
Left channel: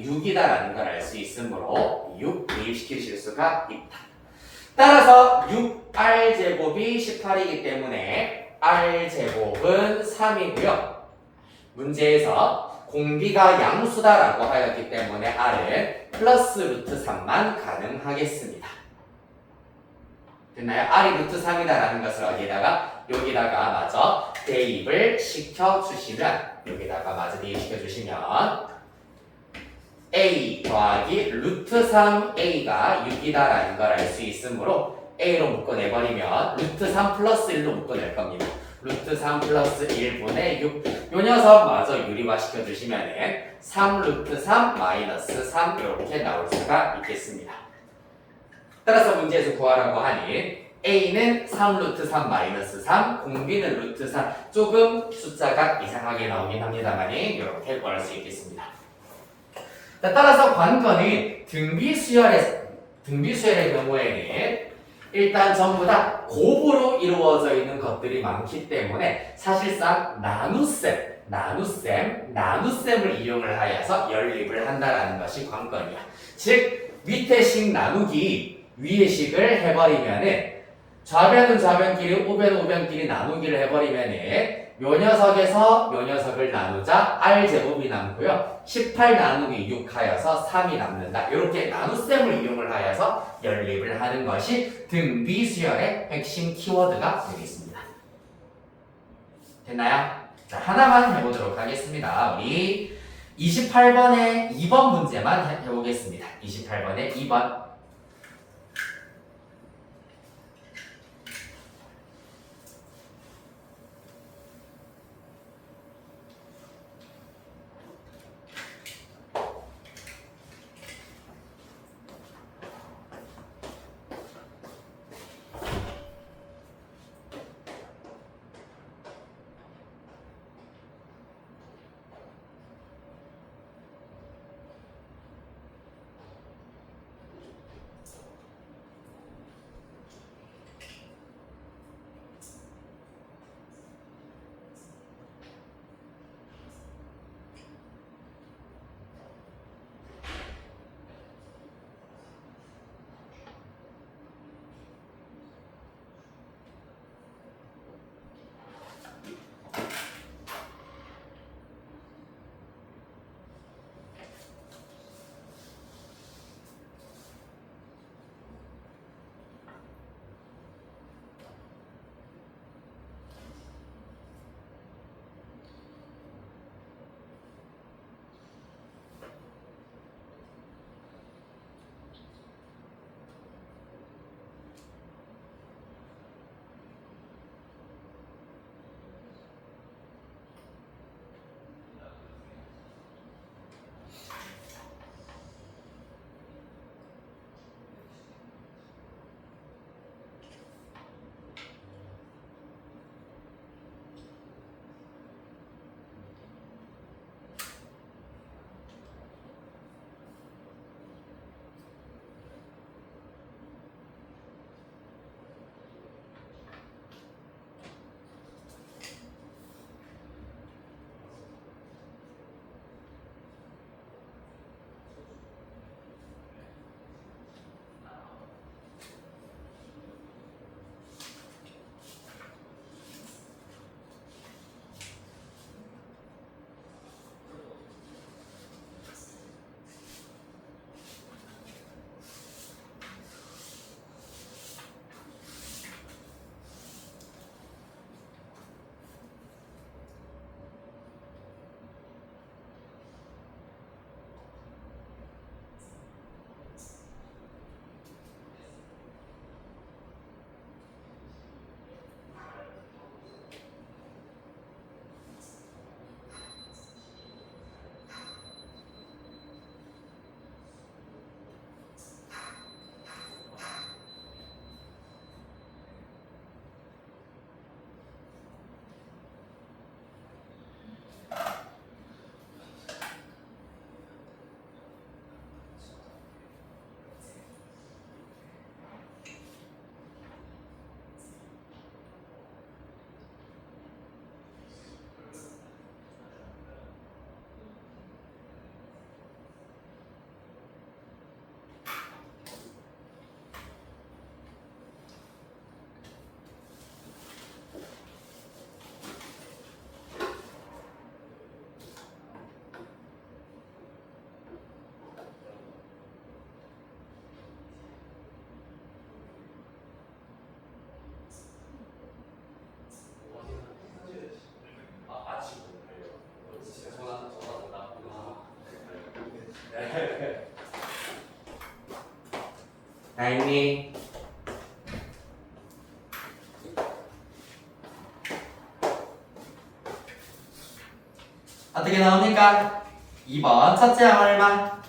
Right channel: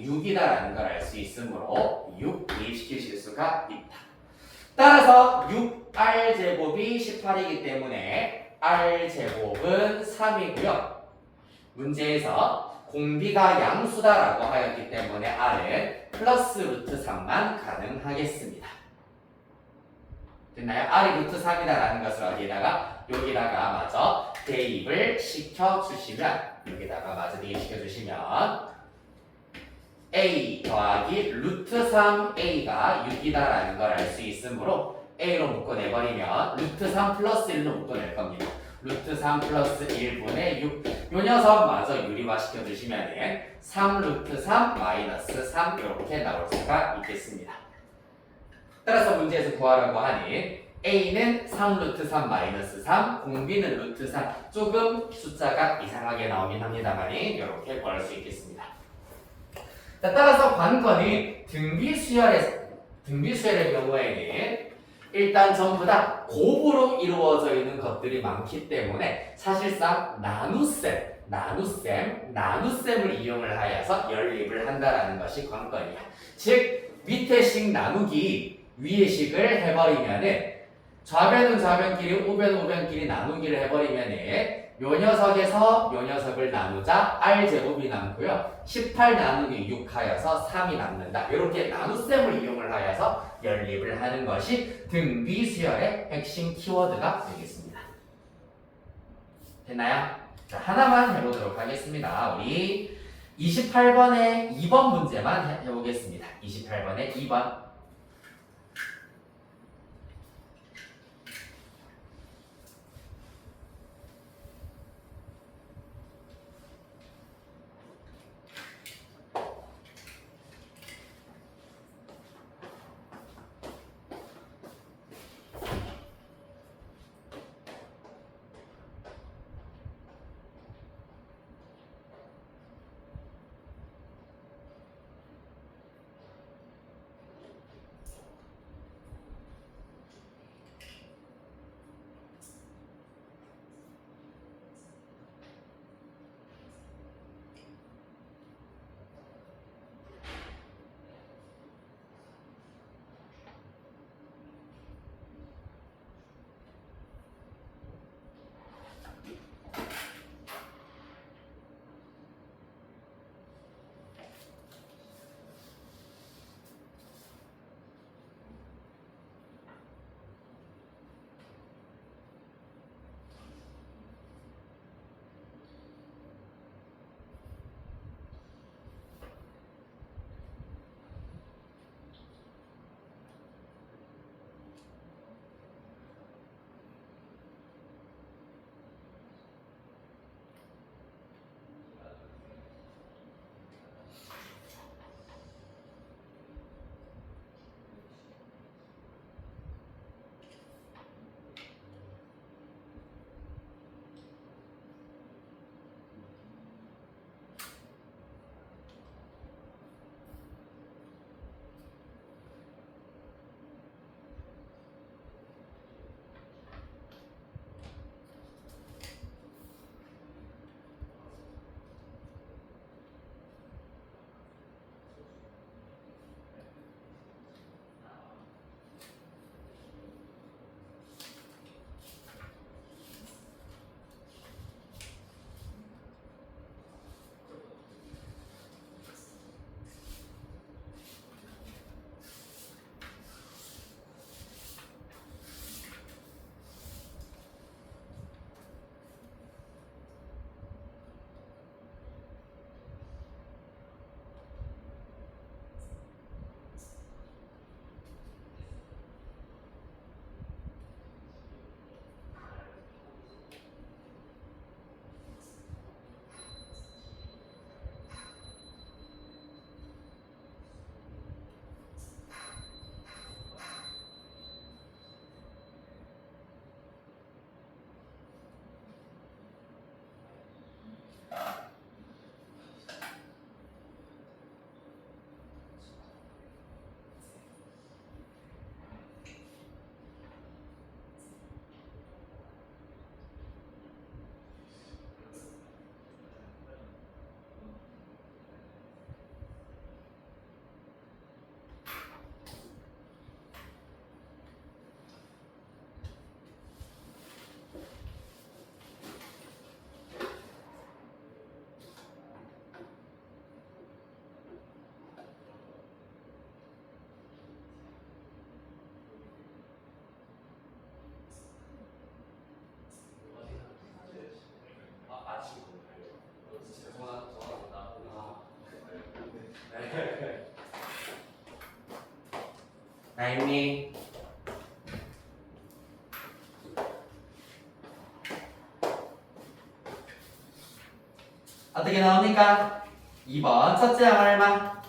6이다라는 걸 알 수 있으므로 6 대입시키실 수가 있다. 따라서 6R제곱이 18이기 때문에 R제곱은 3이고요. 문제에서 공비가 양수다라고 하였기 때문에 R은 플러스 루트 3만 가능하겠습니다. 됐나요? R이 루트 3이다라는 것을 어디에다가? 여기다가 마저 대입을 시켜주시면 여기다가 마저 대입시켜주시면 A 더하기 루트 3A가 6이다라는 걸 알 수 있으므로 A로 묶어내버리면 루트 3 플러스 1로 묶어낼 겁니다. 루트 3 플러스 1분의 6. 요 녀석 마저 유리화 시켜주시면 3 루트 3 마이너스 3 이렇게 나올 수가 있겠습니다. 따라서 문제에서 구하라고 하니 A는 3 루트 3 마이너스 3, 공비는 루트 3. 조금 숫자가 이상하게 나오긴 합니다만 이렇게 구할 수 있겠습니다. 자, 따라서 관건이 등비수열의 경우에는 일단 전부 다 곱으로 이루어져 있는 것들이 많기 때문에 사실상 나눗셈을 이용을 하여서 연립을 한다라는 것이 관건이야. 즉 밑에 식 나누기 위의 식을 해버리면은 좌변은 좌변끼리 우변은 우변끼리 나누기를 해버리면은 요 녀석에서 요 녀석을 나누자 R제곱이 남고요. 18 나누기 6 하여서 3이 남는다. 이렇게 나눗셈을 이용을 하여서 연립을 하는 것이 등비수열의 핵심 키워드가 되겠습니다. 됐나요? 자, 하나만 해보도록 하겠습니다. 우리 28번의 2번 문제만 해보겠습니다. 28번의 2번. 다 했니? 어떻게 나옵니까? 2번 첫째 항 얼마?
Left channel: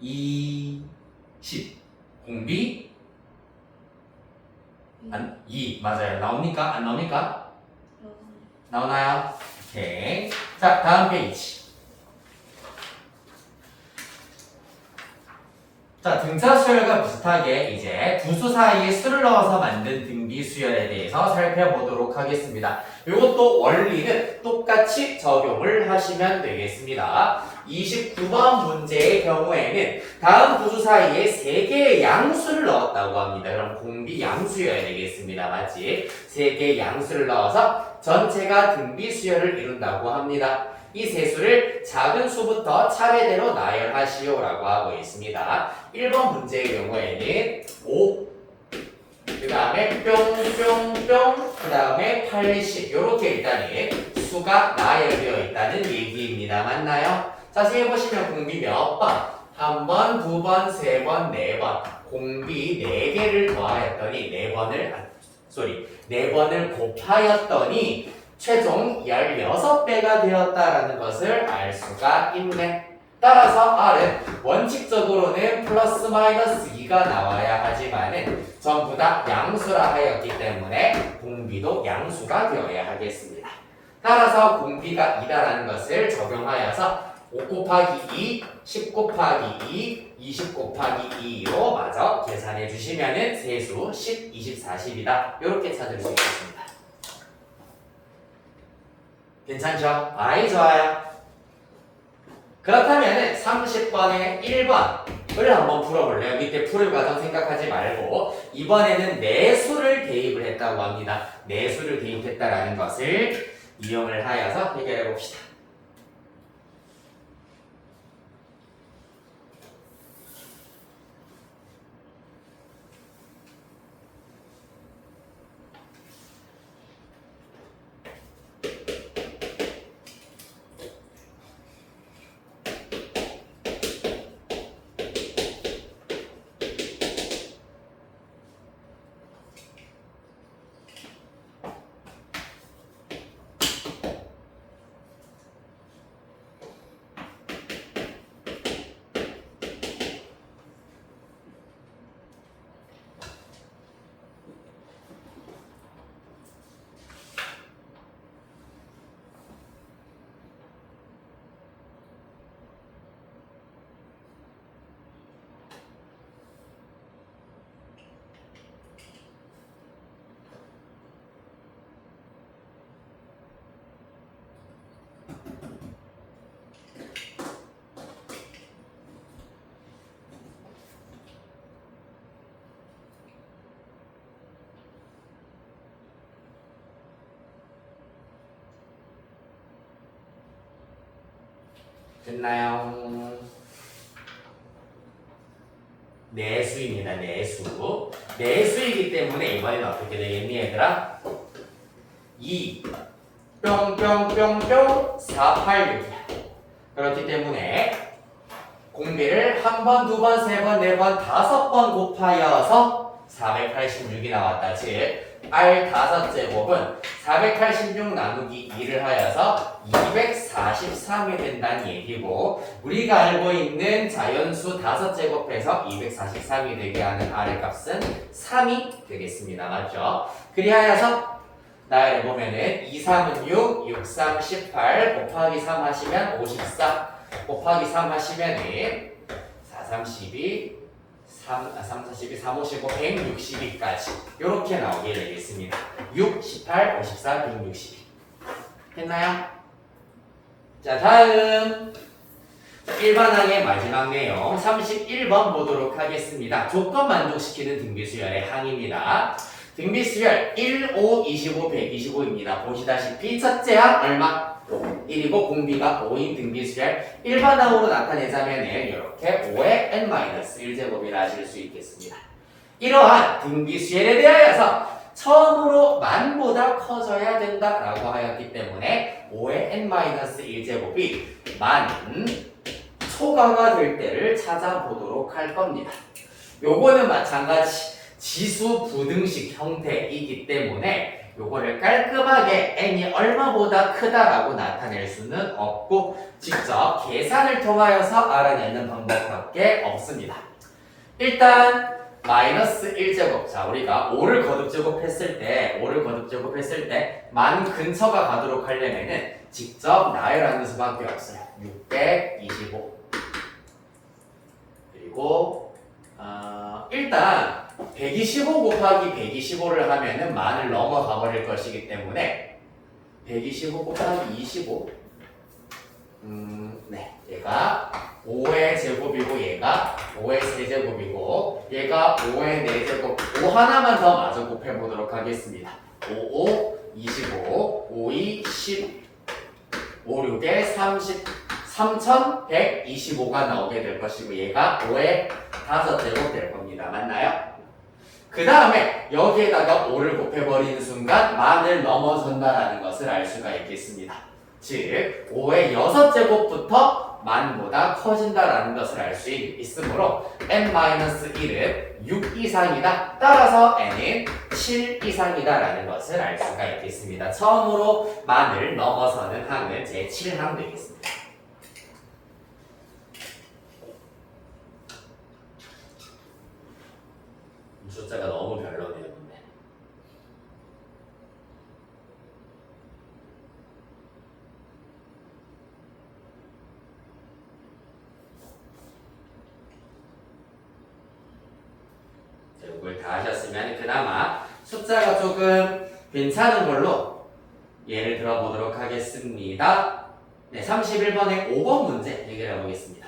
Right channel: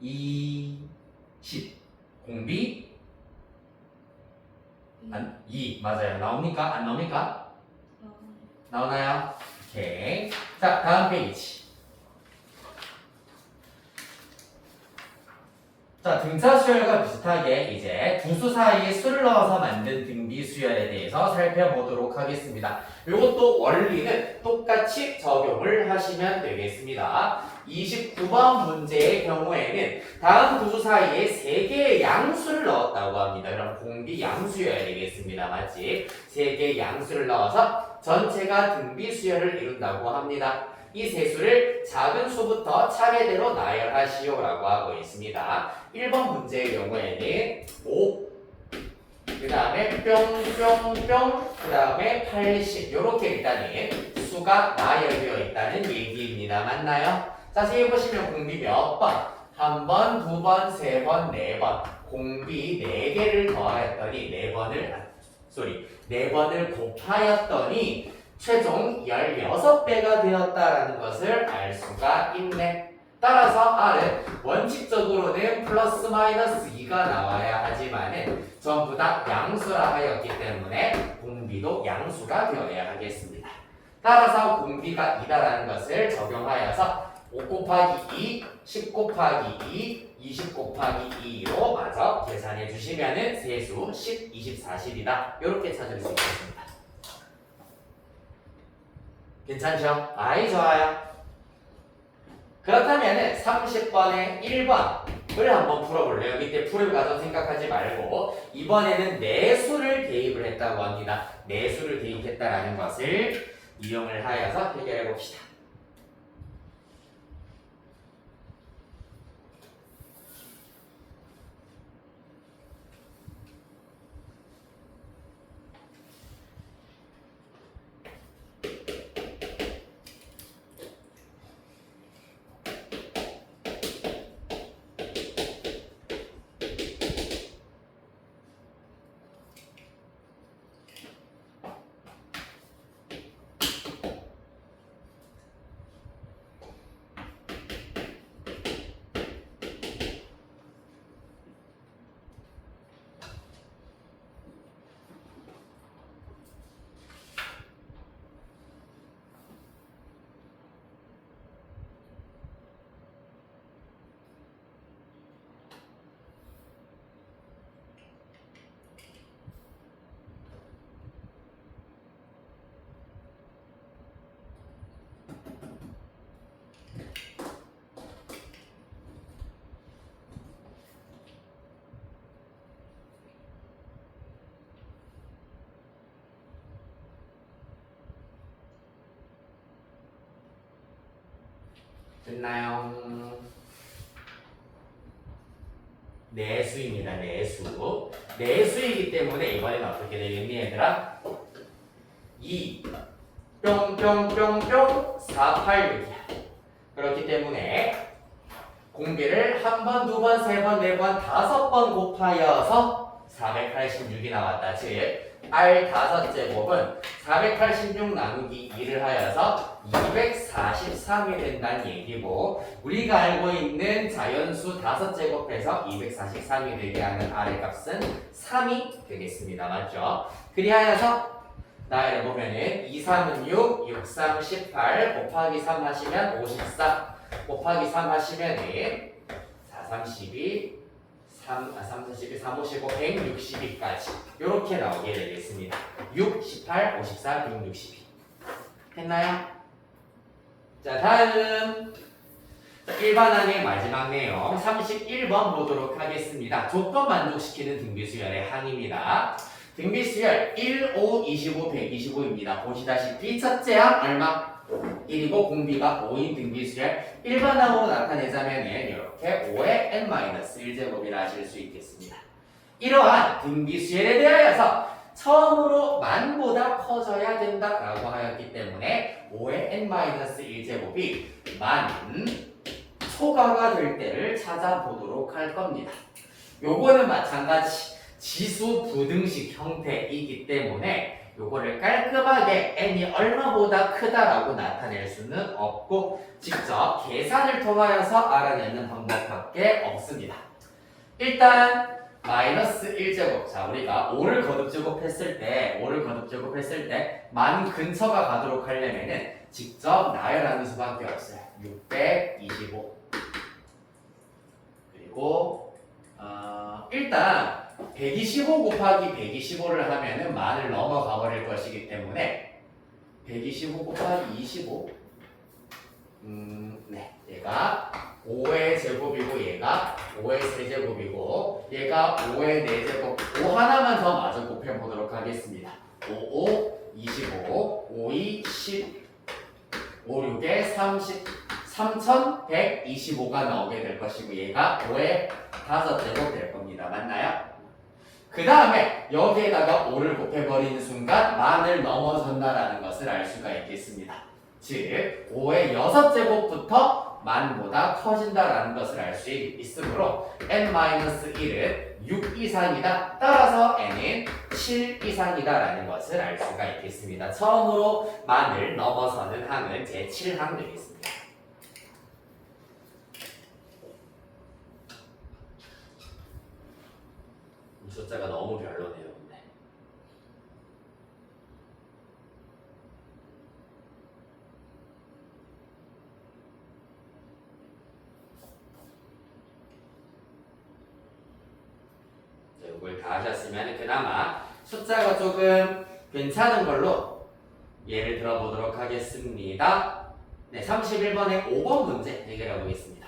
20 공비 2 맞아요. 나옵니까? 안 나옵니까? 나오나요? 오케이. 자, 다음 페이지. 자, 등차 수열과 비슷하게 이제 두 수 사이에 수를 넣어서 만든 등비 수열에 대해서 살펴보도록 하겠습니다. 이것도 원리는 똑같이 적용을 하시면 되겠습니다. 29번 문제의 경우에는 다음 두 수 사이에 3개의 양수를 넣었다고 합니다. 그럼 공비 양수여야 되겠습니다. 맞지? 3개의 양수를 넣어서 전체가 등비 수열을 이룬다고 합니다. 이 세 수를 작은 수부터 차례대로 나열하시오라고 하고 있습니다. 1번 문제의 경우에는 5, 그 다음에 뿅뿅뿅, 그 다음에 80 이렇게 일단은 수가 나열되어 있다는 얘기입니다. 맞나요? 자세히 보시면 공비 몇 번? 한 번, 두 번, 세 번, 네 번. 공비 4개를 더하였더니 4번을 곱하였더니 최종 16배가 되었다라는 것을 알 수가 있네. 따라서 R은 원칙적으로는 플러스 마이너스 2가 나와야 하지만은 전부 다 양수라 하였기 때문에 공비도 양수가 되어야 하겠습니다. 따라서 공비가 2다라는 것을 적용하여서 5 곱하기 2, 10 곱하기 2, 20 곱하기 2로 마저 계산해 주시면은 세수 10, 20, 40이다. 이렇게 찾을 수 있겠습니다. 괜찮죠? 아이 좋아요. 그렇다면 30번의 1번을 한번 풀어볼래요? 밑에 풀을 과정 생각하지 말고 이번에는 내수를 대입을 했다고 합니다. 내수를 대입했다라는 것을 이용을 하여서 해결해 봅시다. 됐나요? 내수입니다. 내수. 내수이기 때문에 이번에는 어떻게 되겠니 얘들아? 2 뿅뿅뿅뿅 486이야. 그렇기 때문에 공비를 한 번, 두 번, 세 번, 네 번, 5번 곱하여서 486이 나왔다. 즉 R 5제곱은 486 나누기 2를 하여서 243이 된다는 얘기고 우리가 알고 있는 자연수 5제곱해서 243이 되게 하는 R의 값은 3이 되겠습니다. 맞죠? 그리하여서 나열을 보면은 2, 3은 6, 6, 3, 18 곱하기 3 하시면 54 곱하기 3 하시면은 4, 3, 12 3, 42, 3, 55, 162까지 이렇게 나오게 되겠습니다. 6, 18, 54, 162 했나요? 자 다음 일반항의 마지막 내용 31번 보도록 하겠습니다. 조건 만족시키는 등비수열의 항입니다. 등비수열 1, 5, 25, 125입니다. 보시다시피 첫째 항 얼마? 1이고 공비가 5인 등비수열 일반항으로 나타내자면 이렇게 5의 n-1제곱이라 하실 수 있겠습니다. 이러한 등비수열에 대하여서 처음으로 만보다 커져야 된다라고 하였기 때문에 5의 n-1제곱이 만 초과가 될 때를 찾아보도록 할 겁니다. 요거는 마찬가지 지수 부등식 형태이기 때문에 요거를 깔끔하게 n이 얼마보다 크다라고 나타낼 수는 없고 직접 계산을 통하여서 알아내는 방법밖에 없습니다. 일단 마이너스 1제곱. 자, 우리가 5를 거듭제곱했을 때 만 근처가 가도록 하려면은 직접 나열하는 수밖에 없어요. 625. 그리고 일단 125 곱하기 125를 하면은 만을 넘어가 버릴 것이기 때문에 125 곱하기 25. 네, 얘가 5의 제곱이고 얘가 5의 세제곱이고 얘가 5의 4제곱 5 하나만 더 마저 곱해보도록 하겠습니다. 5, 5, 25, 5, 2, 10 5, 6에 30 3125가 나오게 될 것이고 얘가 5의 5제곱 될 겁니다. 맞나요? 그 다음에 여기에다가 5를 곱해버리는 순간 만을 넘어선다라는 것을 알 수가 있겠습니다. 즉 5의 6제곱부터 만보다 커진다라는 것을 알 수 있으므로 n-1은 6 이상이다. 따라서 n은 7 이상이다라는 것을 알 수가 있겠습니다. 처음으로 만을 넘어서는 항은 제7항 되겠습니다. 숫자가 너무 별로네요. 근데. 이걸 다 하셨으면 그나마 숫자가 조금 괜찮은 걸로 예를 들어보도록 하겠습니다. 네, 31번의 5번 문제 해결해 보겠습니다.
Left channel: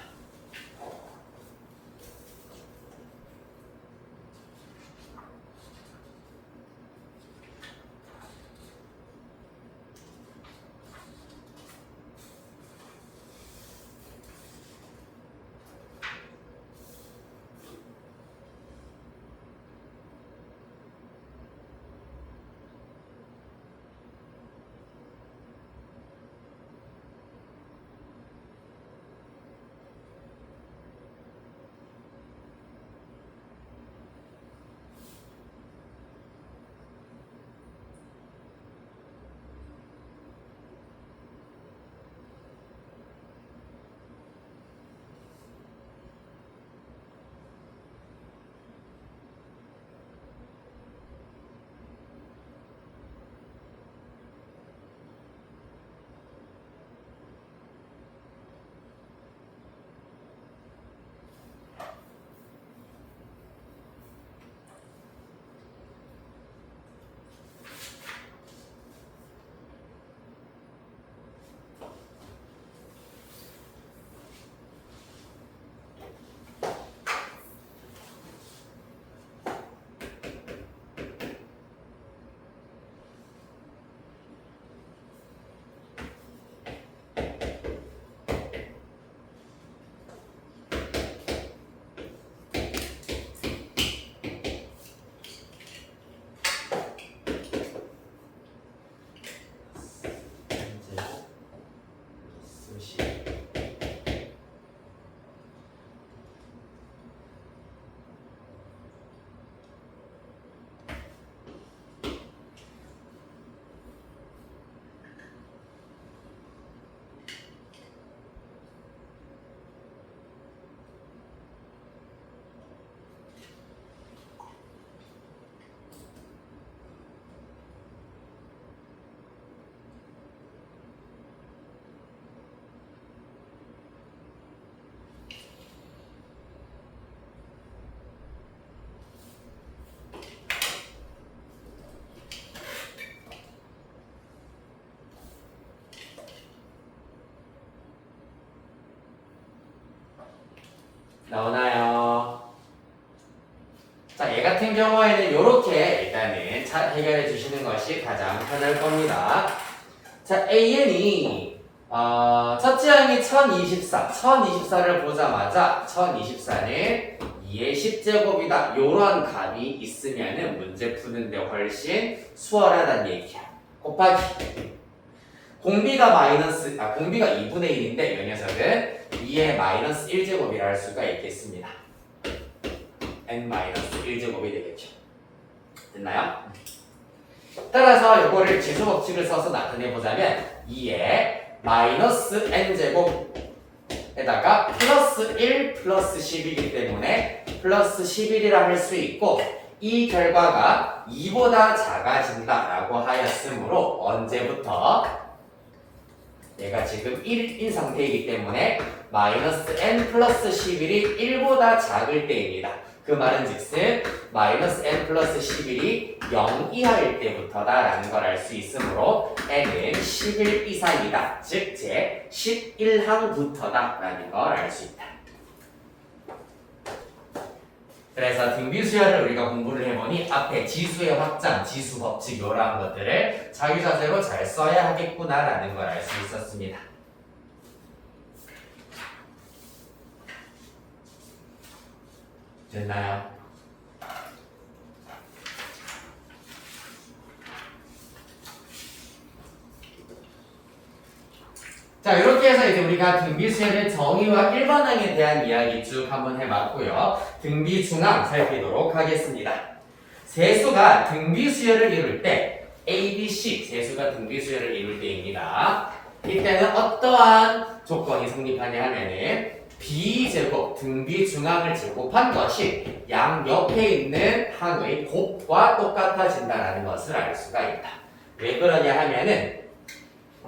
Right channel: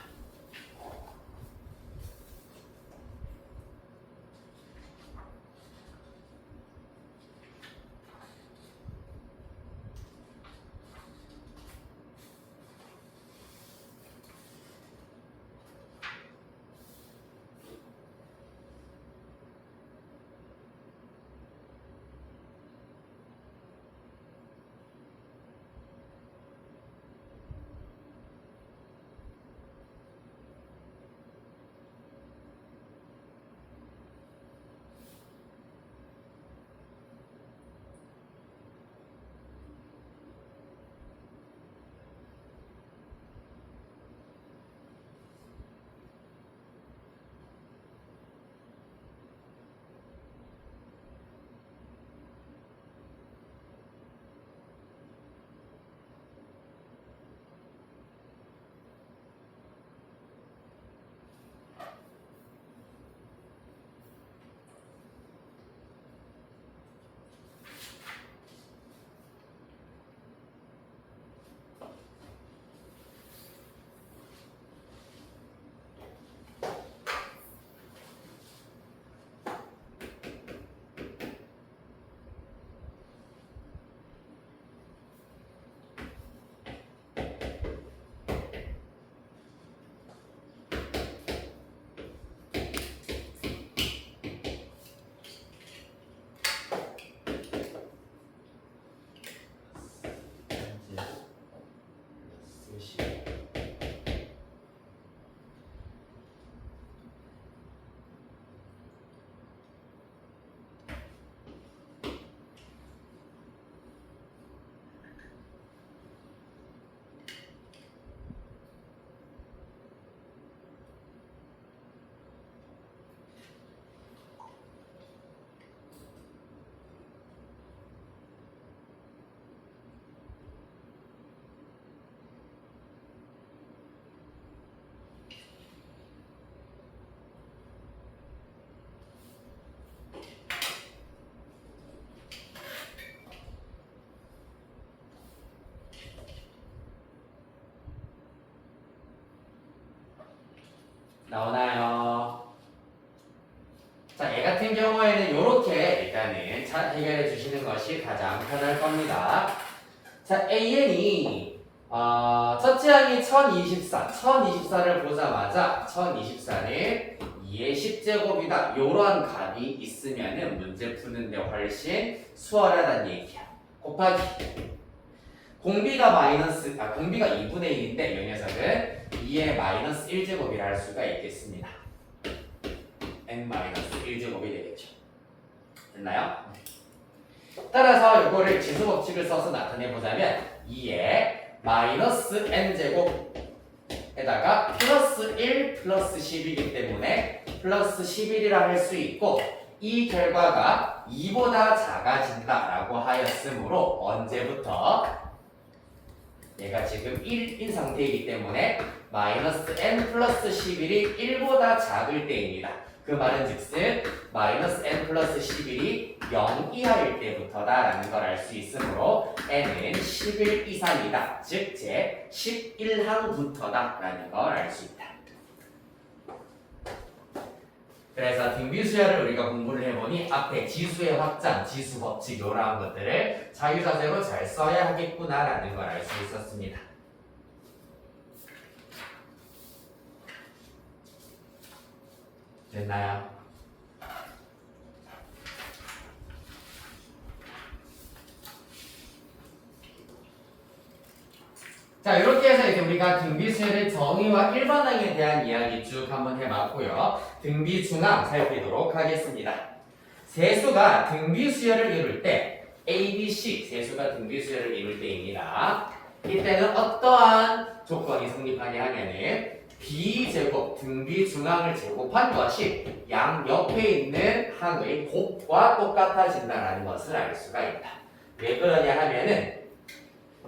나오나요? 자, 얘 같은 경우에는 이렇게 일단은 잘 해결해 주시는 것이 가장 편할 겁니다. 자, AN이 첫째 항이 1024를 보자마자 1024는 2의 10제곱이다. 요런 값이 있으면은 문제 푸는데 훨씬 수월하다는 얘기야. 곱하기 공비가 2분의 1인데 이 녀석은 2의 마이너스 1제곱이라 할 수가 있겠습니다. n 마이너스 1제곱이 되겠죠. 됐나요? 따라서 이거를 지수 법칙을 써서 나타내 보자면 2의 마이너스 n제곱에다가 플러스 1 플러스 10이기 때문에 플러스 11이라 할 수 있고, 이 결과가 2보다 작아진다라고 하였으므로 언제부터 얘가 지금 1인 상태이기 때문에 마이너스 n 플러스 11이 1보다 작을 때입니다. 그 말은 즉슨 마이너스 n 플러스 11이 0 이하일 때부터다라는 걸 알 수 있으므로 n은 11 이상이다. 즉 제 11항부터다라는 걸 알 수 있다. 그래서 등비수열을 우리가 공부를 해보니 앞에 지수의 확장, 지수 법칙 이러한 것들을 자유자재로 잘 써야 하겠구나라는 걸 알 수 있었습니다. 됐나요? 자, 이렇게 해서 이제 우리가 등비수열의 정의와 일반항에 대한 이야기 쭉 한번 해봤고요. 등비중항 살피도록 하겠습니다. 세수가 등비수열을 이룰 때 A, B, C 세수가 등비수열을 이룰 때입니다. 이때는 어떠한 조건이 성립하냐 하면은 B제곱 등비중항을 제곱한 것이 양 옆에 있는 항의 곱과 똑같아진다는 것을 알 수가 있다. 왜 그러냐 하면은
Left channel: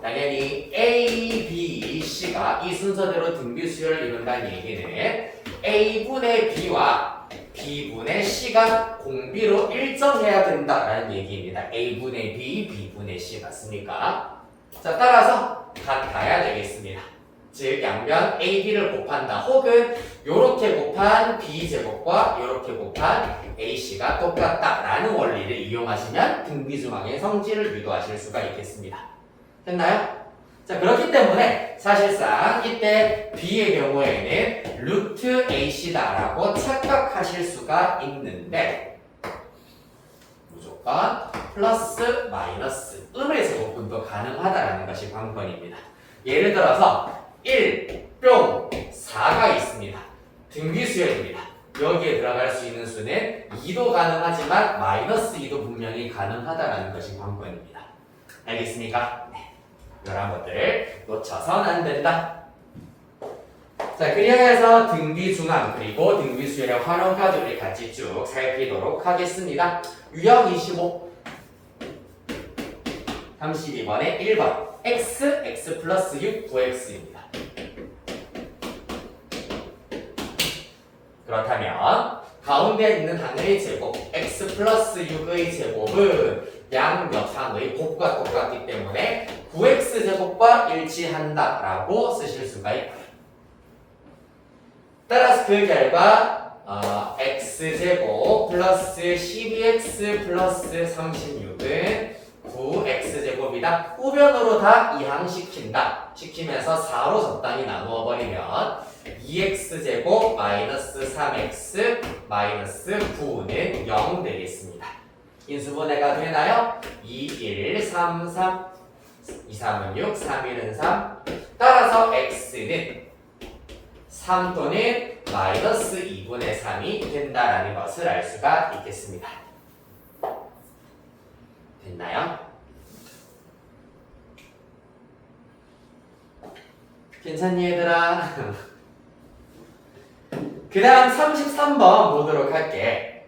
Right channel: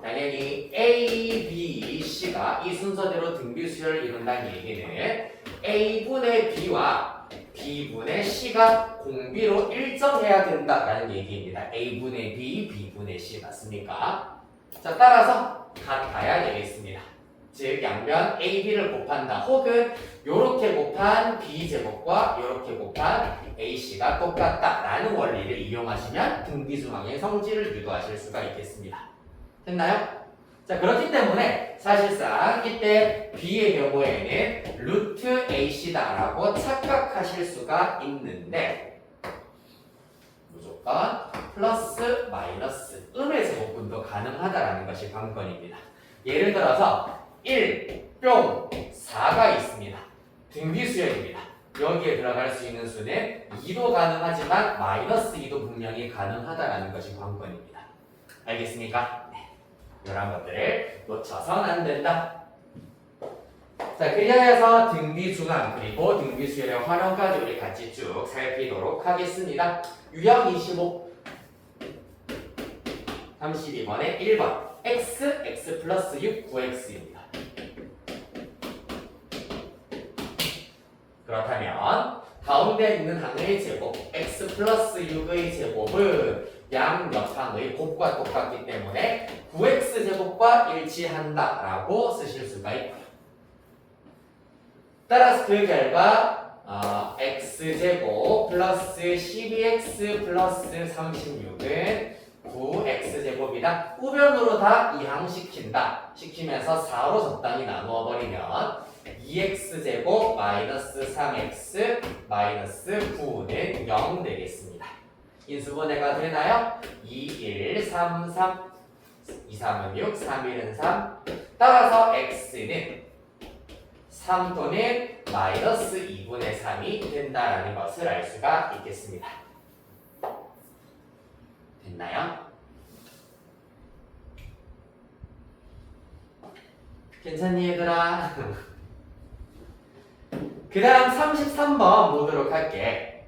당연히 A, B, C가 이 순서대로 등비수열을 이룬다는 얘기는 A분의 B와 B분의 C가 공비로 일정해야 된다라는 얘기입니다. A분의 B, B분의 C 맞습니까? 자, 따라서 같아야 되겠습니다. 즉 양변 AB를 곱한다 혹은 요렇게 곱한 B제곱과 요렇게 곱한 AC가 똑같다라는 원리를 이용하시면 등비중항의 성질을 유도하실 수가 있겠습니다. 됐나요? 자, 그렇기 때문에 사실상 이때 B의 경우에는 루트 AC다라고 착각하실 수가 있는데 무조건 플러스 마이너스 음의 제곱분도 가능하다라는 것이 관건입니다. 예를 들어서 1, 뿅, 4가 있습니다. 등비수열입니다. 여기에 들어갈 수 있는 수는 2도 가능하지만 마이너스 2도 분명히 가능하다라는 것이 관건입니다. 알겠습니까? 네. 이런 것들을 놓쳐서는 안 된다. 자, 그리하여서 등비중항 그리고 등비수열의 활용까지 우리 같이 쭉 살피도록 하겠습니다. 유형 25 32번에 1번 x, x 플러스 6, 9x입니다. 그렇다면 가운데 있는 항의 제곱 x 플러스 6의 제곱은 양옆항의 곱과 똑같기 때문에 9x제곱과 일치한다라고 쓰실 수가 있고요. 따라서 그 결과 x제곱 플러스 12x 플러스 36은 9x제곱이다. 우변으로 다 이항시킨다. 시키면서 4로 적당히 나누어 버리면 2x제곱 마이너스 3x 마이너스 9는 0 되겠습니다. 인수분해가 되나요? 2, 1, 3, 3 2, 3은 6, 3, 1은 3 따라서 x는 3 또는 마이너스 2분의 3이 된다라는 것을 알 수가 있겠습니다. 됐나요? 괜찮니 얘들아? 그 다음 33번 보도록 할게.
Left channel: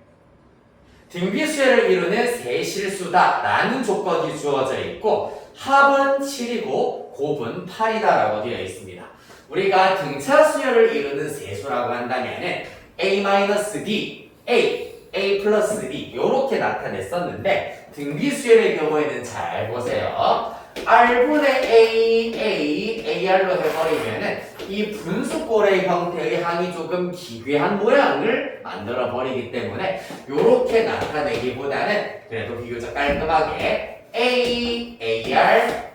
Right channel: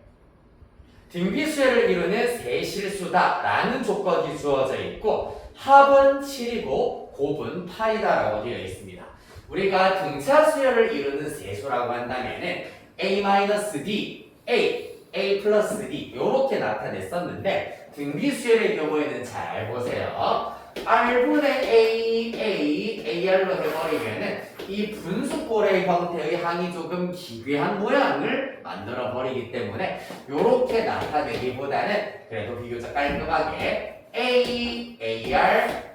등비수열을 이루는 세실수다 라는 조건이 주어져 있고 합은 7이고 곱은 8이다 라고 되어 있습니다. 우리가 등차수열을 이루는 세수라고 한다면 A-D, A 플러스 D 이렇게 나타냈었는데 등비수열의 경우에는 잘 보세요. R분의 AR로 해버리면은 이 분수꼴의 형태의 항이 조금 기괴한 모양을 만들어 버리기 때문에 이렇게 나타내기보다는 그래도 비교적 깔끔하게 AR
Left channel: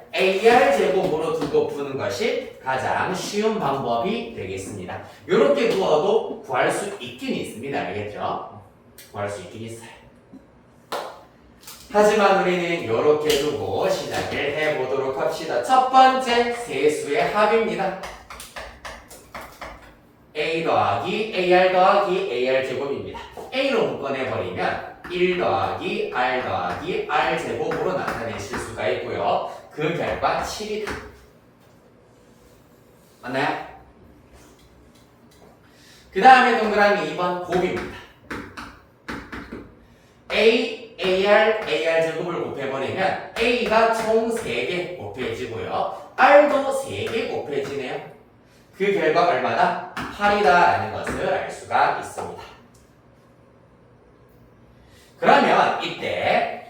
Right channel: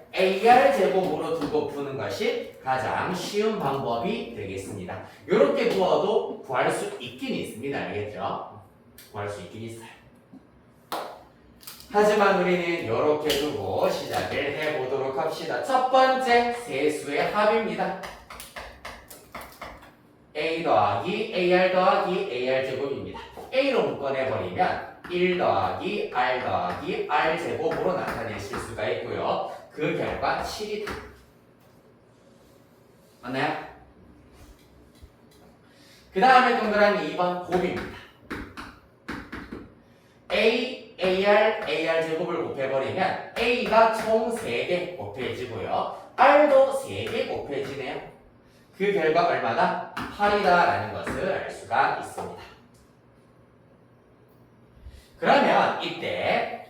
제곱으로 두고 푸는 것이 가장 쉬운 방법이 되겠습니다. 이렇게 두어도 구할 수 있긴 있습니다. 알겠죠? 구할 수 있긴 있어요. 하지만 우리는 이렇게 두고 시작을 해보도록 합시다. 첫 번째 세수의 합입니다. A 더하기 AR 더하기 AR 제곱입니다. A로 묶어내버리면 1 더하기 R 더하기 R 제곱으로 나타내실 수가 있고요. 그 결과 7이다. 맞나요? 그 다음에 동그라미 2번 곱입니다. A, AR, AR 제곱을 곱해버리면 A가 총 3개 곱해지고요. R도 3개 곱해지네요. 그 결과 얼마다? 8이다 라는 것을 알 수가 있습니다. 그러면 이때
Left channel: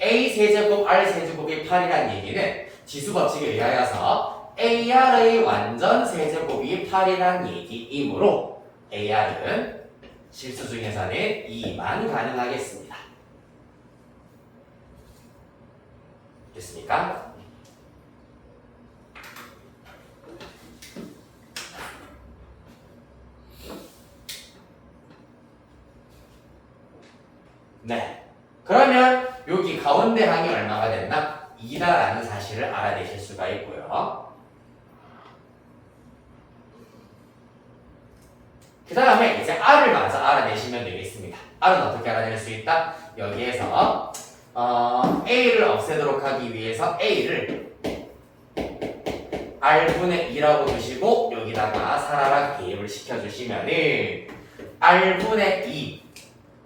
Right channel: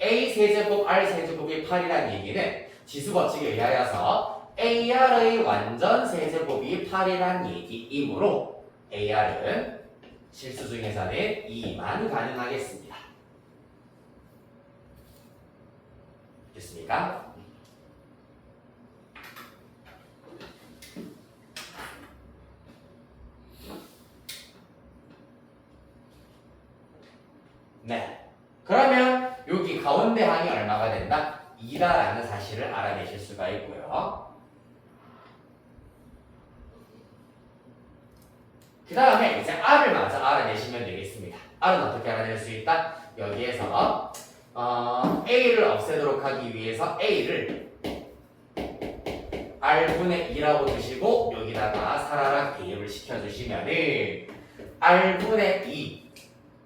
A 세제곱, R 세제곱이 8이라는 얘기는 지수법칙에 의하여서 AR의 완전 세제곱이 8이라는 얘기이므로 AR은 실수 중에서는 2만 가능하겠습니다. 됐습니까? 네. 그러면 여기 가운데 항이 얼마가 된다? 2다라는 사실을 알아내실 수가 있고요. 그 다음에 이제 R을 먼저 알아내시면 되겠습니다. R은 어떻게 알아낼 수 있다? 여기에서 A를 없애도록 하기 위해서 A를 R분의 2라고 두시고 여기다가 사라락 대입을 시켜주시면은 R분의 2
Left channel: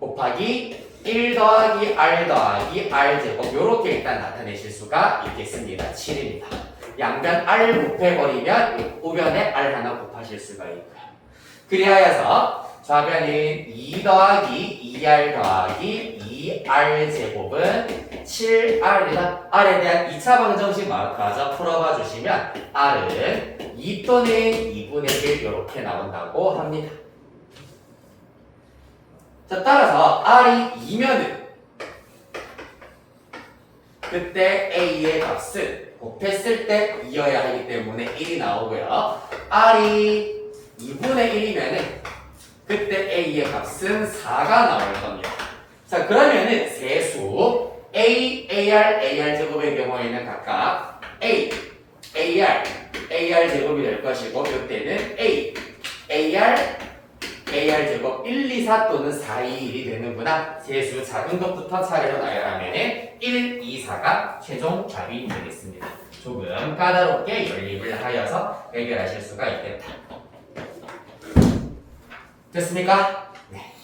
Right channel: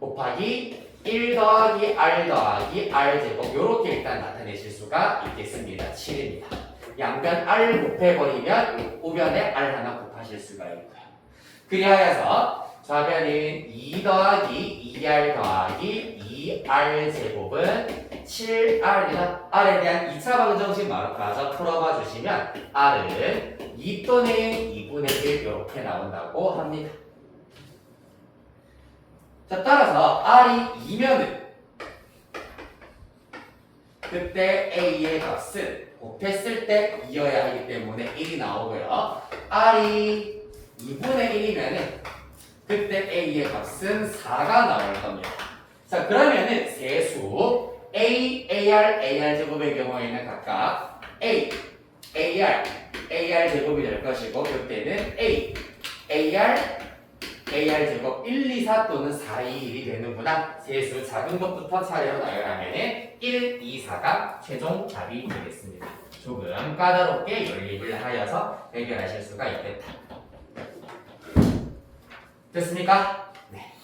곱하기 1 더하기 R 더하기 R 제곱 요렇게 일단 나타내실 수가 있겠습니다. 7입니다. 양변 R 곱해버리면 우변에 R 하나 곱하실 수가 있고요. 그리하여서 좌변인 2 더하기 2R 더하기 2R 제곱은 7R이다. R에 대한 2차 방정식 마저 풀어봐 주시면 R은 2 또는 2분의 1 이렇게 나온다고 합니다. 자, 따라서 R이 2면은 그때 A의 값은 곱했을 때 2여야 하기 때문에 1이 나오고요. R이 2분의 1이면은 그때 A의 값은 4가 나올 겁니다. 자, 그러면은 세수 A, AR, AR 제곱의 경우에는 각각 A, AR, AR 제곱이 될 것이고 그때는 A, AR, AR 제곱 1, 2, 4 또는 4, 2, 1이 되는구나. 세수 작은 것부터 차례로 나열하면 1, 2, 4가 최종 답이 되겠습니다. 조금 까다롭게 연립을 하여서 해결하실 수가 있겠다. 됐습니까? 네.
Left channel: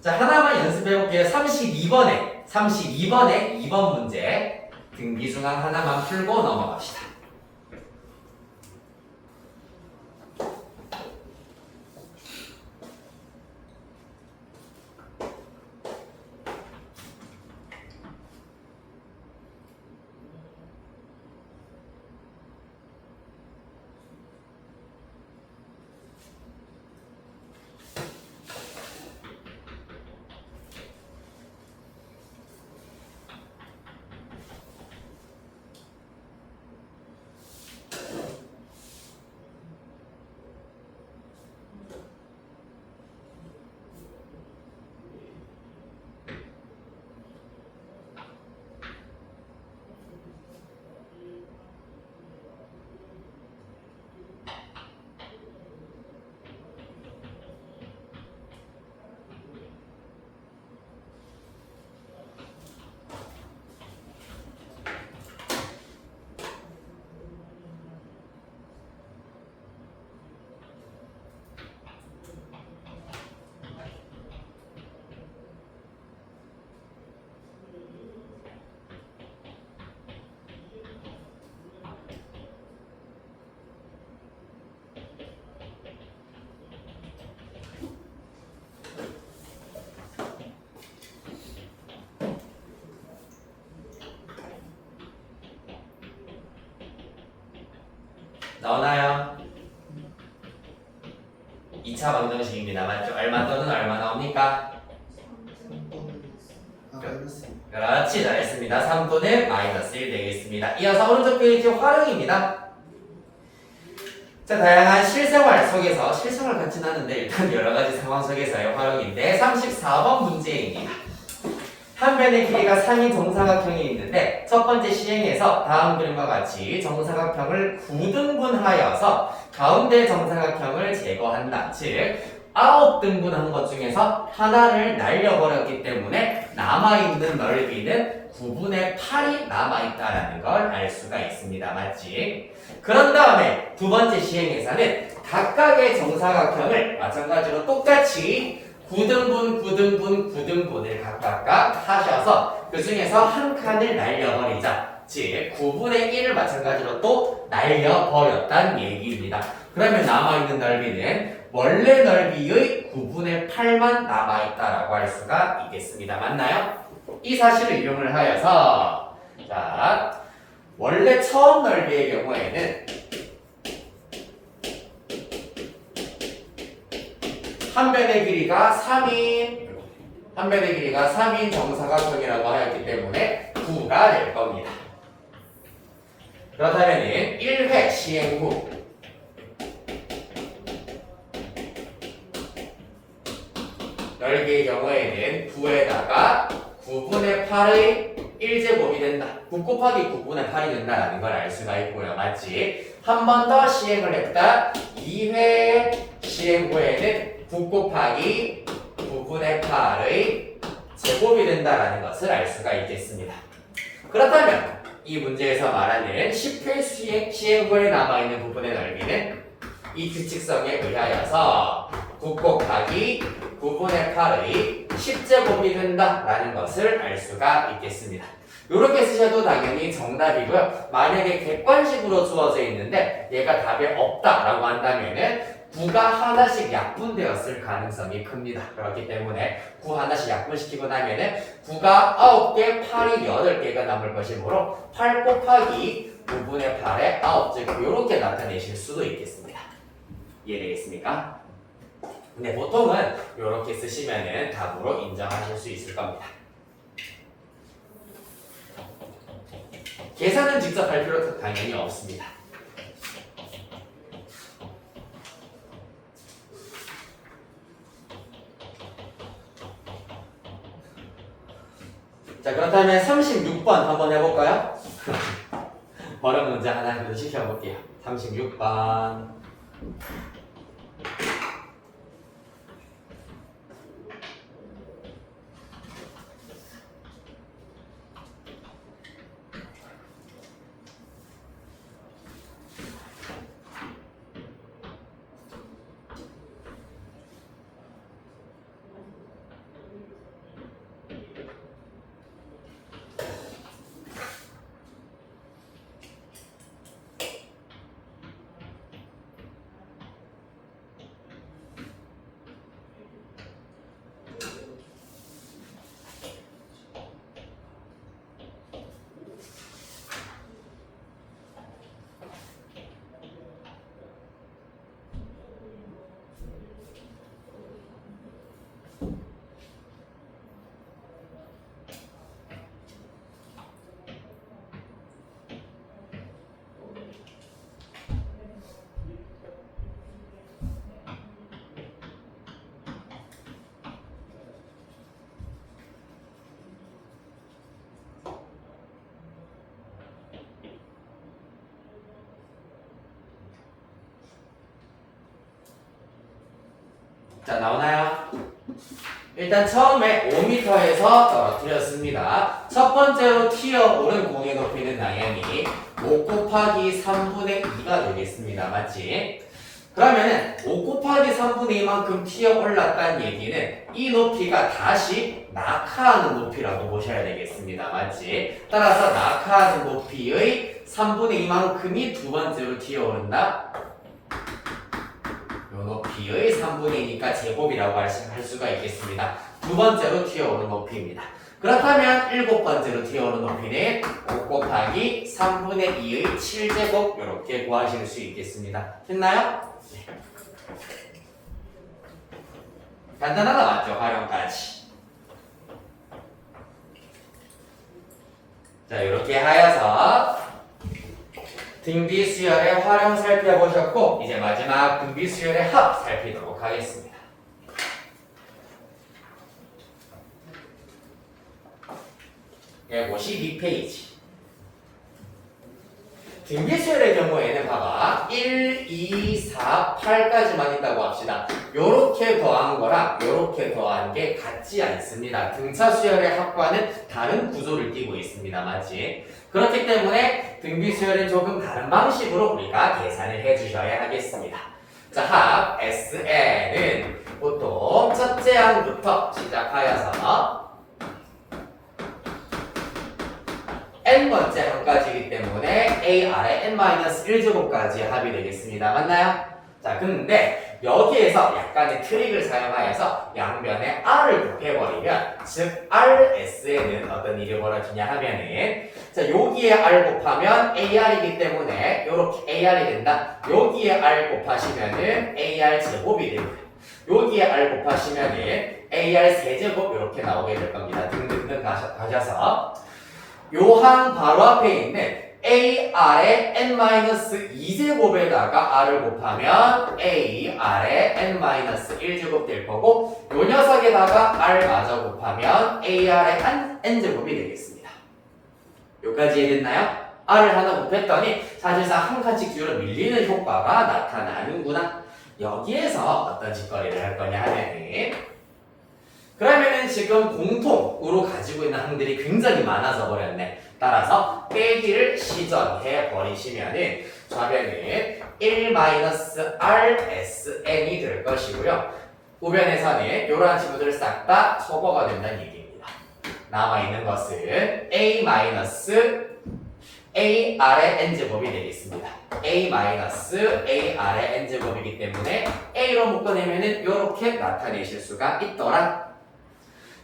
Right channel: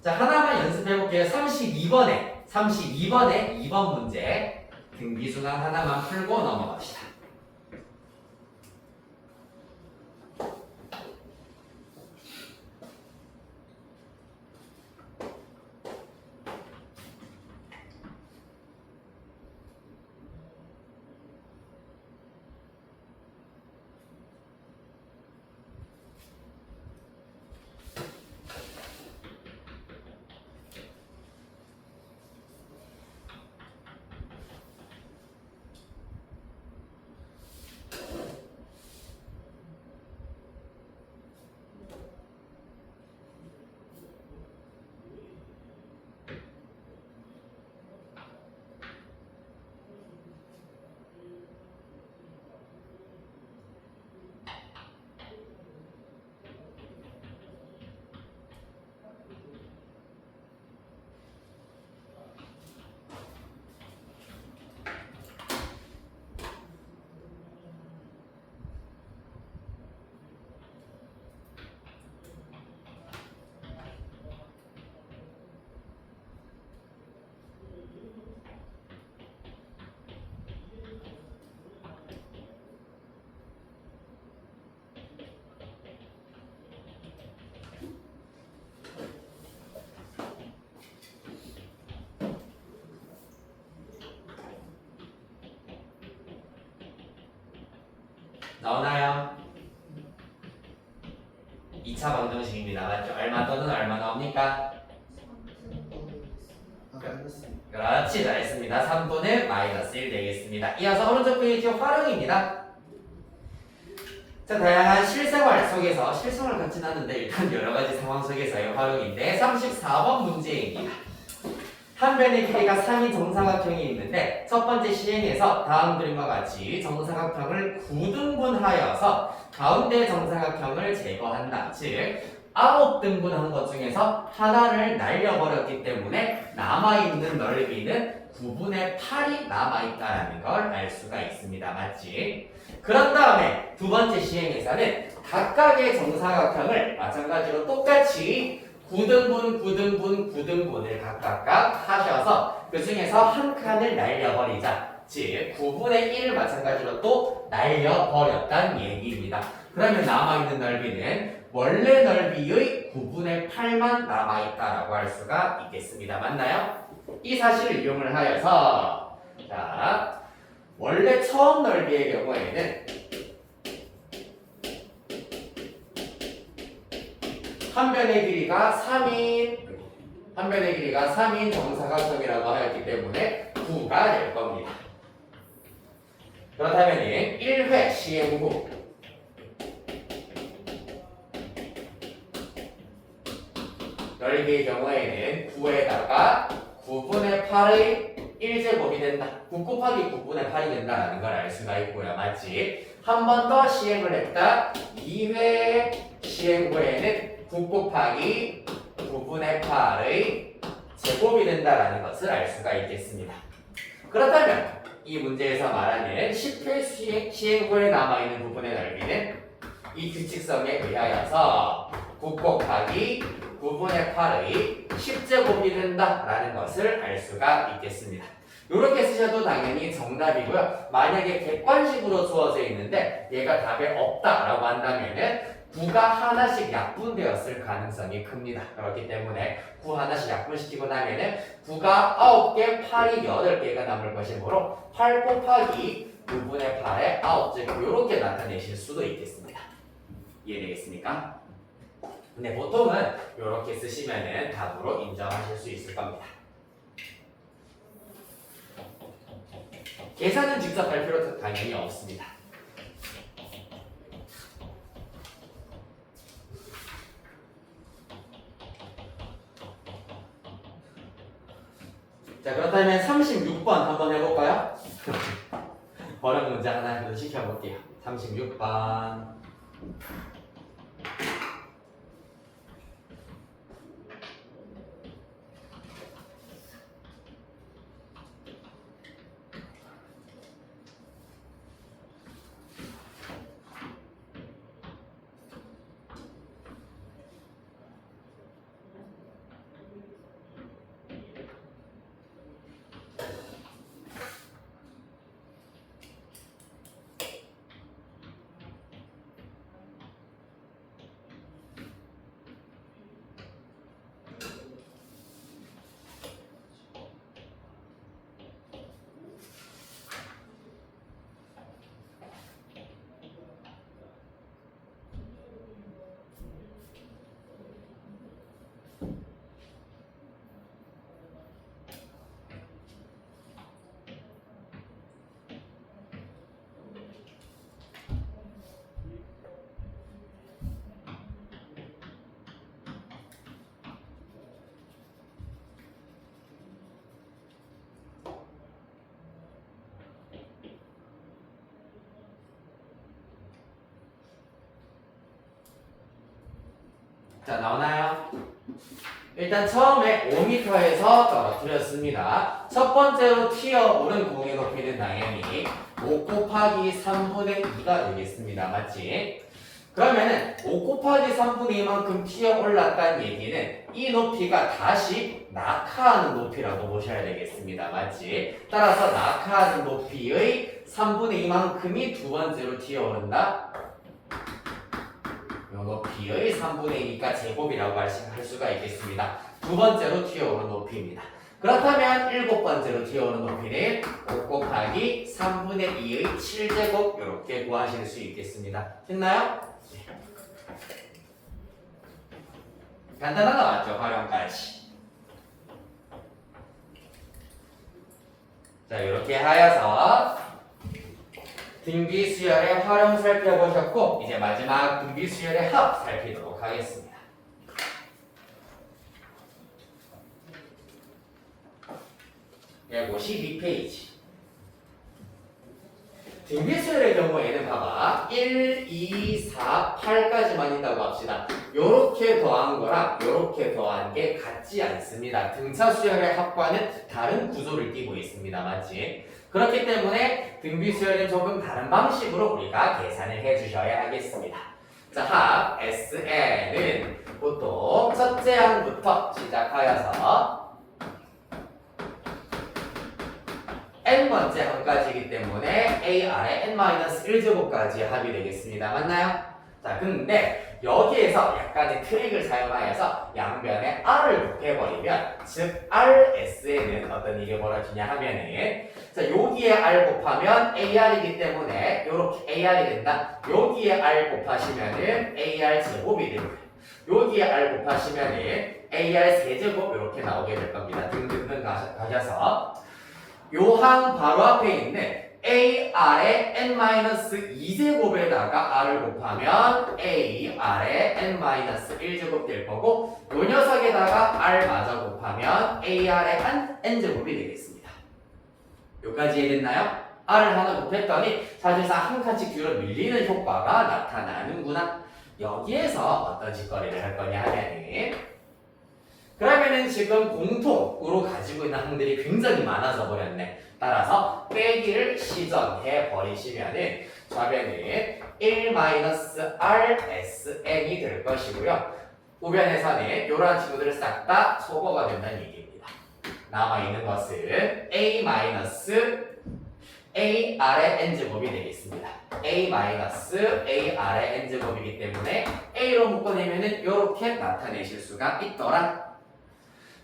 자, 하나만 연습해 볼게요. 32번에 2번 문제 등비중항 하나만 풀고 넘어갑시다. 나오나요? 2차 방정식입니다. 맞죠? 얼마 또는 얼마 나옵니까? 그렇지, 잘했습니다. 3 또는 마이너스 1 되겠습니다. 이어서 오른쪽 페이지 활용입니다. 자, 다양한 실생활 속에서, 실생활 같진 않은데 일단 여러가지 상황 속에서의 활용인데 34번 문제입니다. 한 변의 길이가 3인 정사각형이 있는데 첫 번째 시행에서 다음 그림과 같이 정사각형을 9등분하여서 가운데 정사각형을 제거한다. 즉 9등분한 것 중에서 하나를 날려버렸기 때문에 남아있는 넓이는 9분의 8이 남아있다는 걸 알 수가 있습니다. 맞지? 그런 다음에 두 번째 시행에서는 각각의 정사각형을 마찬가지로 똑같이 9등분, 9등분, 9등분을 각각 하셔서 그 중에서 한 칸을 날려버리자. 즉 9분의 1을 마찬가지로 또 날려버렸다는 얘기입니다. 그러면 남아있는 넓이는 원래 넓이의 9분의 8만 남아있다라고 할 수가 있겠습니다. 맞나요? 이 사실을 이용을 하여서 자 원래 처음 넓이의 경우에는 한 변의 길이가 3인 정사각형이라고 하였기 때문에 9가 될 겁니다. 그렇다면 1회 시행 후 넓이의 경우에는 9에다가 9분의 8의 1제곱이 된다. 9 곱하기 9분의 8이 된다는 걸 알 수가 있고요. 맞지? 한 번 더 시행을 했다. 2회 시행 후에는 9 곱하기 9분의 8의 제곱이 된다는 것을 알 수가 있겠습니다. 그렇다면 이 문제에서 말하는 10회 시행 후에 남아있는 부분의 넓이는 이 규칙성에 의하여서 9 곱하기 9분의 8의 10제곱이 된다라는 것을 알 수가 있겠습니다. 이렇게 쓰셔도 당연히 정답이고요. 만약에 객관식으로 주어져 있는데 얘가 답에 없다라고 한다면은 9가 하나씩 약분되었을 가능성이 큽니다. 그렇기 때문에 9 하나씩 약분시키고 나면은 9가 9개, 8이 8개가 남을 것이므로 8 곱하기 9분의 8의 9제곱 이렇게 나타내실 수도 있겠습니다. 이해되겠습니까? 근데 보통은 이렇게 쓰시면은 답으로 인정하실 수 있을 겁니다. 계산은 직접 할 필요 당연히 없습니다. 자, 그렇다면 36번 한번 해볼까요? 어려운 문제 하나 더 시켜볼게요. 36번. 자, 나오나요? 일단 처음에 5m에서 떨어뜨렸습니다. 첫 번째로 튀어오른 공의 높이는 당연히 5 곱하기 3분의 2가 되겠습니다. 맞지? 그러면은 5 곱하기 3분의 2만큼 튀어올랐다는 얘기는 이 높이가 다시 낙하하는 높이라고 보셔야 되겠습니다. 맞지? 따라서 낙하하는 높이의 3분의 2만큼이 두 번째로 튀어오른다. 요 높이의 3분의 2니까 제곱이라고 할 수가 있겠습니다. 두 번째로 튀어오른 높이입니다. 그렇다면 일곱 번째로 튀어오른 높이는 5 곱하기 3분의 2의 7제곱 이렇게 구하실 수 있겠습니다. 됐나요? 네. 간단하다 맞죠? 활용까지. 자, 이렇게 하여서 등비 수열의 활용 살펴보셨고 이제 마지막 등비 수열의 합 살피도록 하겠습니다. 152페이지. 등비수열의 경우에는 봐봐 1, 2, 4, 8까지만 있다고 합시다. 요렇게 더한 거랑 요렇게 더한 게 같지 않습니다. 등차 수열의 합과는 다른 구조를 띠고 있습니다. 맞지? 그렇기 때문에 등비수열은 조금 다른 방식으로 우리가 계산을 해주셔야 하겠습니다. 자, 합 SN은 보통 첫째 항부터 시작하여서 n번째 항까지이기 때문에 a 아래 n-1제곱까지 합이 되겠습니다. 맞나요? 자, 근데 여기에서 약간의 트릭을 사용하여서 양변에 r을 곱해버리면 즉 rs에는 어떤 일이 벌어지냐 하면은 자, 여기에 r 곱하면 ar이기 때문에 요렇게 ar이 된다. 여기에 r 곱하시면은 ar 제곱이 되고요. 여기에 r 곱하시면은 ar 세제곱 이렇게 나오게 될 겁니다. 등등등 가셔서 요항 바로 앞에 있는 a 아래 n-2제곱에다가 r을 곱하면 a 아래 n-1제곱 될 거고 요 녀석에다가 r 마저 곱하면 a 아래 n제곱이 되겠습니다. 요까지 이해됐나요? r을 하나 곱했더니 사실상 한 칸씩 뒤로 밀리는 효과가 나타나는구나. 여기에서 어떤 짓거리를 할 거냐 하면은 그러면은 지금 공통으로 가지고 있는 항들이 굉장히 많아져 버렸네. 따라서 빼기를 시전해 버리시면은 좌변은 1-rsn이 될 것이고요. 우변에서는 이러한 친구들을 싹 다 소거가 된다는 얘기입니다. 남아있는 것은 a 아래 n제곱이 되겠습니다. a 아래 n제곱이기 때문에 a로 묶어내면은 이렇게 나타내실 수가 있더라.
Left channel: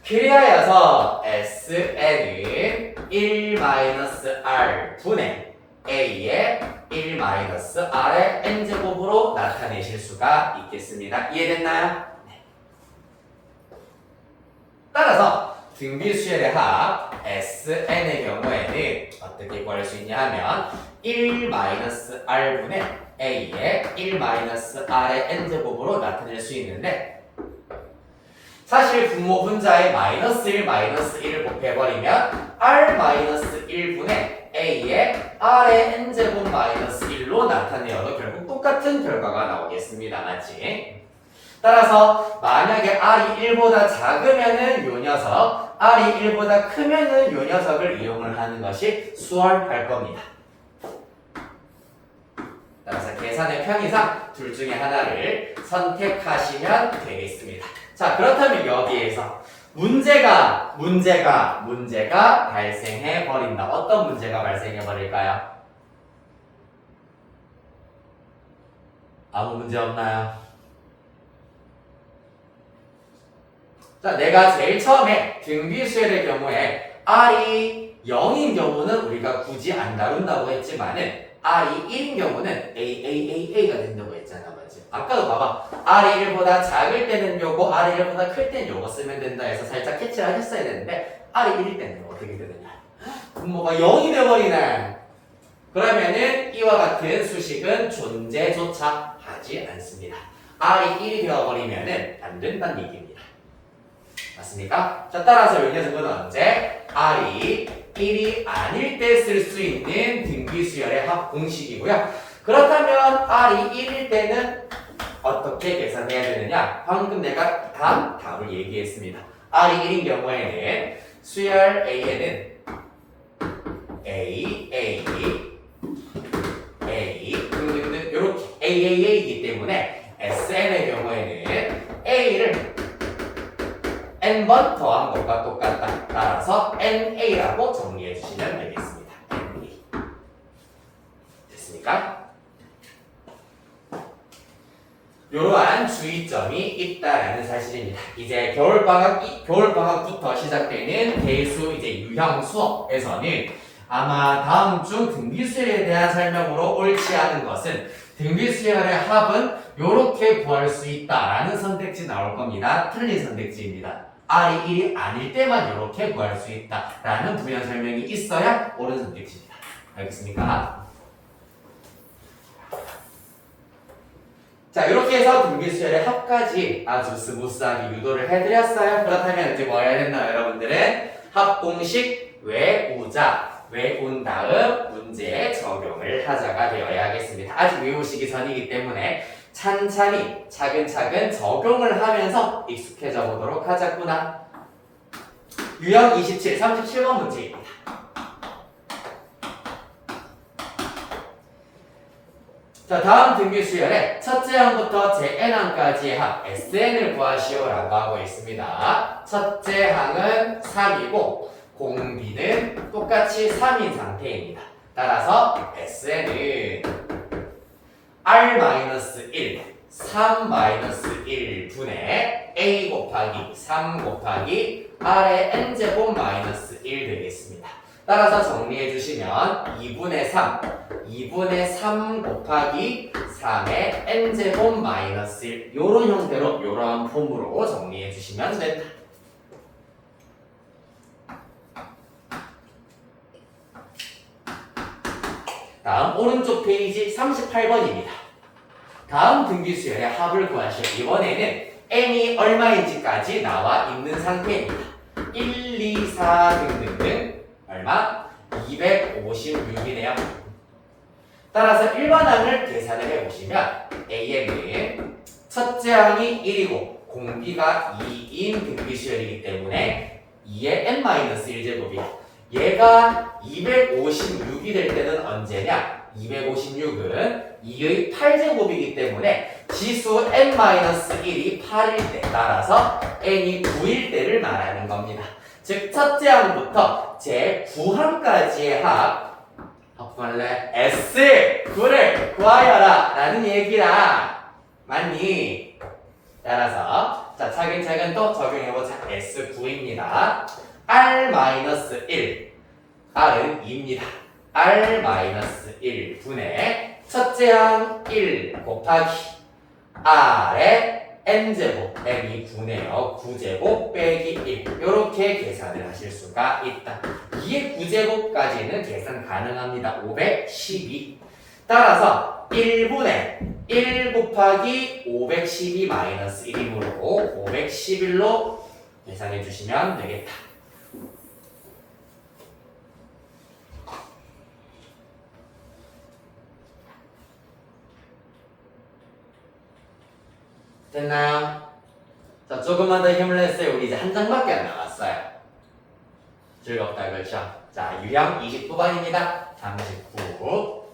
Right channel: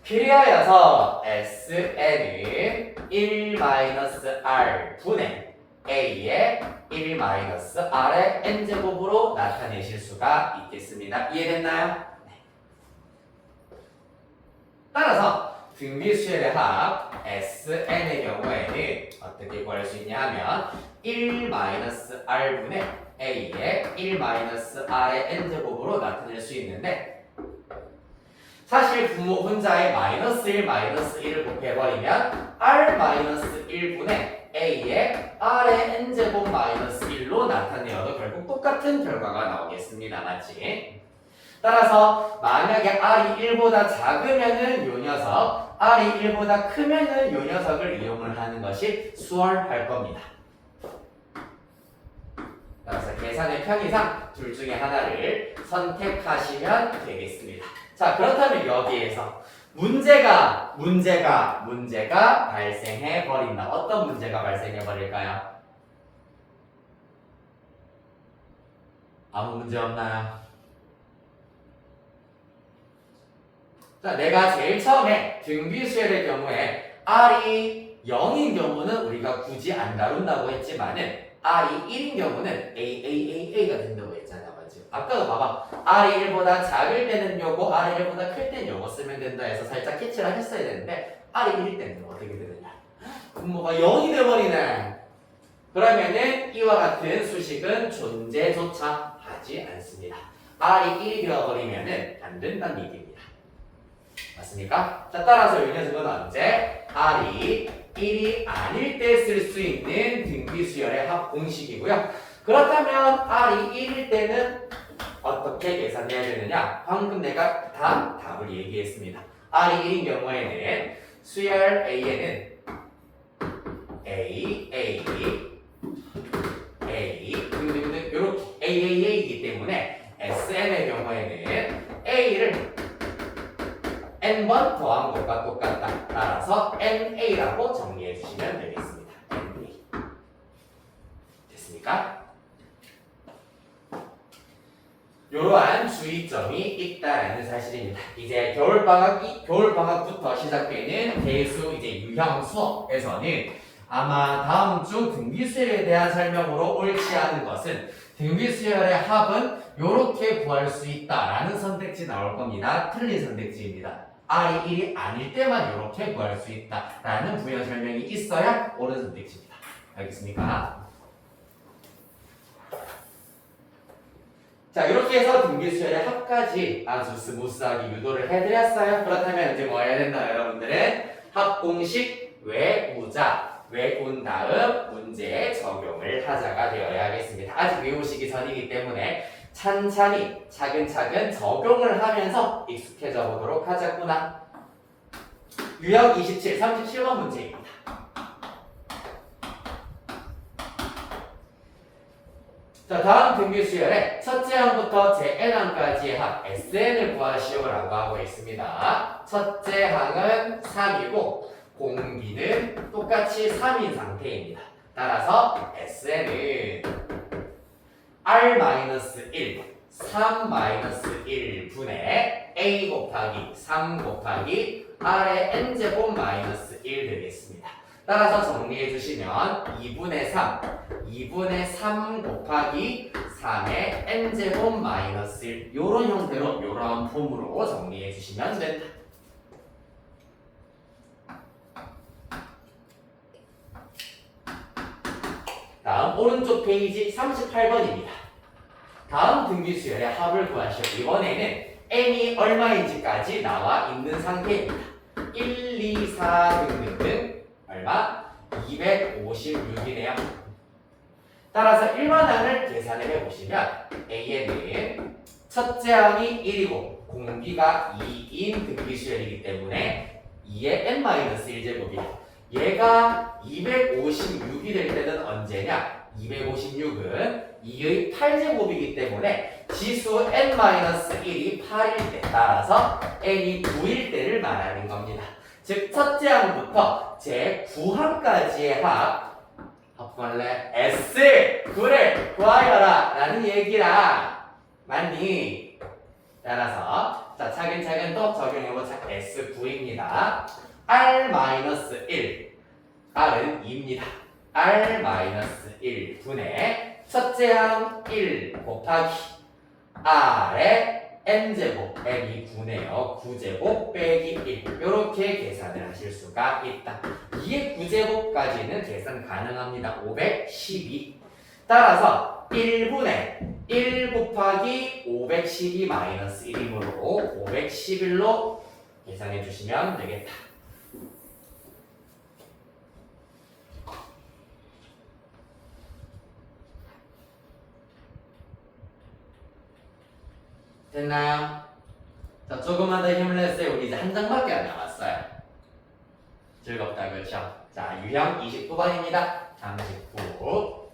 그리하여서 SN은 1-R 분의 A의 1-R의 N제곱으로 나타내실 수가 있겠습니다. 이해됐나요? 네. 따라서 등비수열의 합 SN의 경우에는 어떻게 구할 수 있냐 하면 1-R 분의 A의 1-R의 N제곱으로 나타낼 수 있는데 사실 분모 분자에 -1, -1을 곱해버리면 R-1분의 A의 R의 N제곱 -1로 나타내어도 결국 똑같은 결과가 나오겠습니다. 맞지? 따라서 만약에 R이 1보다 작으면은 요 녀석, R이 1보다 크면은 요 녀석을 이용을 하는 것이 수월할 겁니다. 따라서 계산의 편의상 둘 중에 하나를 선택하시면 되겠습니다. 자, 그렇다면 여기에서 문제가 발생해 버린다. 어떤 문제가 발생해 버릴까요? 아무 문제 없나요? 자, 내가 제일 처음에 등비수열의 경우에 R이 0인 경우는 우리가 굳이 안 다룬다고 했지만은 R이 1인 경우는 AAAA가 된다고 했잖아. 아까도 봐봐. R이 1보다 작을 때는 요거, R이 1보다 클 때는 요거 쓰면 된다 해서 살짝 캐치를 하셨어야 되는데 R이 1일 때는 어떻게 되느냐? 분모가 0이 돼버리네. 그러면은 이와 같은 수식은 존재조차 하지 않습니다. R이 1이 되어버리면은 안 된다는 얘기입니다. 맞습니까? 자, 따라서 이 녀석은 언제? R이 1이 아닐 때 쓸 수 있는 등비수열의 합 공식이고요. 그렇다면 R이 1일 때는 어떻게 계산해야 되느냐? 방금 내가 답을 얘기했습니다. R이 1인 경우에는 수열 A에는 A 등등등 이렇게 AAA이기 때문에 SN의 경우에는 A를 n번 더한 것과 똑같다. 따라서 NA라고 정리해 주시면 되겠습니다. NA. 됐습니까? 이러한 주의점이 있다라는 사실입니다. 이제 겨울방학부터 시작되는 대수 이제 유형 수업에서는 아마 다음 중 등비수열에 대한 설명으로 옳지 않은 것은 등비수열의 합은 이렇게 구할 수 있다라는 선택지 나올 겁니다. 틀린 선택지입니다. R이 1이 아닐 때만 이렇게 구할 수 있다라는 부연 설명이 있어야 옳은 선택지입니다. 알겠습니까? 자, 이렇게 해서 등비수열의 합까지 아주 스무스하게 유도를 해드렸어요. 그렇다면 이제 뭐 해야 된다, 여러분들은 합 공식 외운 다음 문제에 적용을 하자가 되어야겠습니다. 아직 외우시기 전이기 때문에 찬찬히 차근차근 적용을 하면서 익숙해져 보도록 하자꾸나. 유형 27, 37번 문제입니다. 자, 다음 등비 수열에 첫째 항부터 제 n항까지의 합 SN을 구하시오라고 하고 있습니다. 첫째 항은 3이고 공비는 똑같이 3인 상태입니다. 따라서 SN은 R-1, 3-1분의 A 곱하기 3 곱하기 R의 n제곱 마이너스 1 되겠습니다. 따라서 정리해 주시면 2분의 3 곱하기 3의 n제곱 마이너스 1 요런 형태로 요런 폼으로 정리해 주시면 된다. 다음 오른쪽 페이지 38번입니다. 다음 등비수열의 합을 구하시오. 이번에는 n이 얼마인지까지 나와 있는 상태입니다. 1, 2, 4 등등등 얼마? 256이네요. 따라서 1번항을 계산을 해보시면 A에는 첫째 항이 1이고 공비가 2인 등비수열이기 때문에 2의 n-1제곱이야. 얘가 256이 될 때는 언제냐? 256은 2의 8제곱이기 때문에 지수 n-1이 8일 때 따라서 n이 9일 때를 말하는 겁니다. 즉 첫째 항부터 제 9항까지의 합할래 S 그래 구하여라 라는 얘기라. 맞니? 따라서 자 차근차근 또 적용해보자. S9입니다. R-1 R은 2입니다. R-1 분의 첫째 항 1 곱하기 R의 n제곱 n이 9네요. 9제곱 빼기 1 이렇게 계산을 하실 수가 있다. 2의 9제곱까지는 계산 가능합니다. 512 따라서 1분의 1 곱하기 512 마이너스 1이므로 511로 계산해 주시면 되겠다. 됐나? 자, 조금만 더 힘을 냈어요. 우리 이제 한 장밖에 안 남았어요. 즐겁다, 그렇죠? 자, 유형 29번입니다. 39.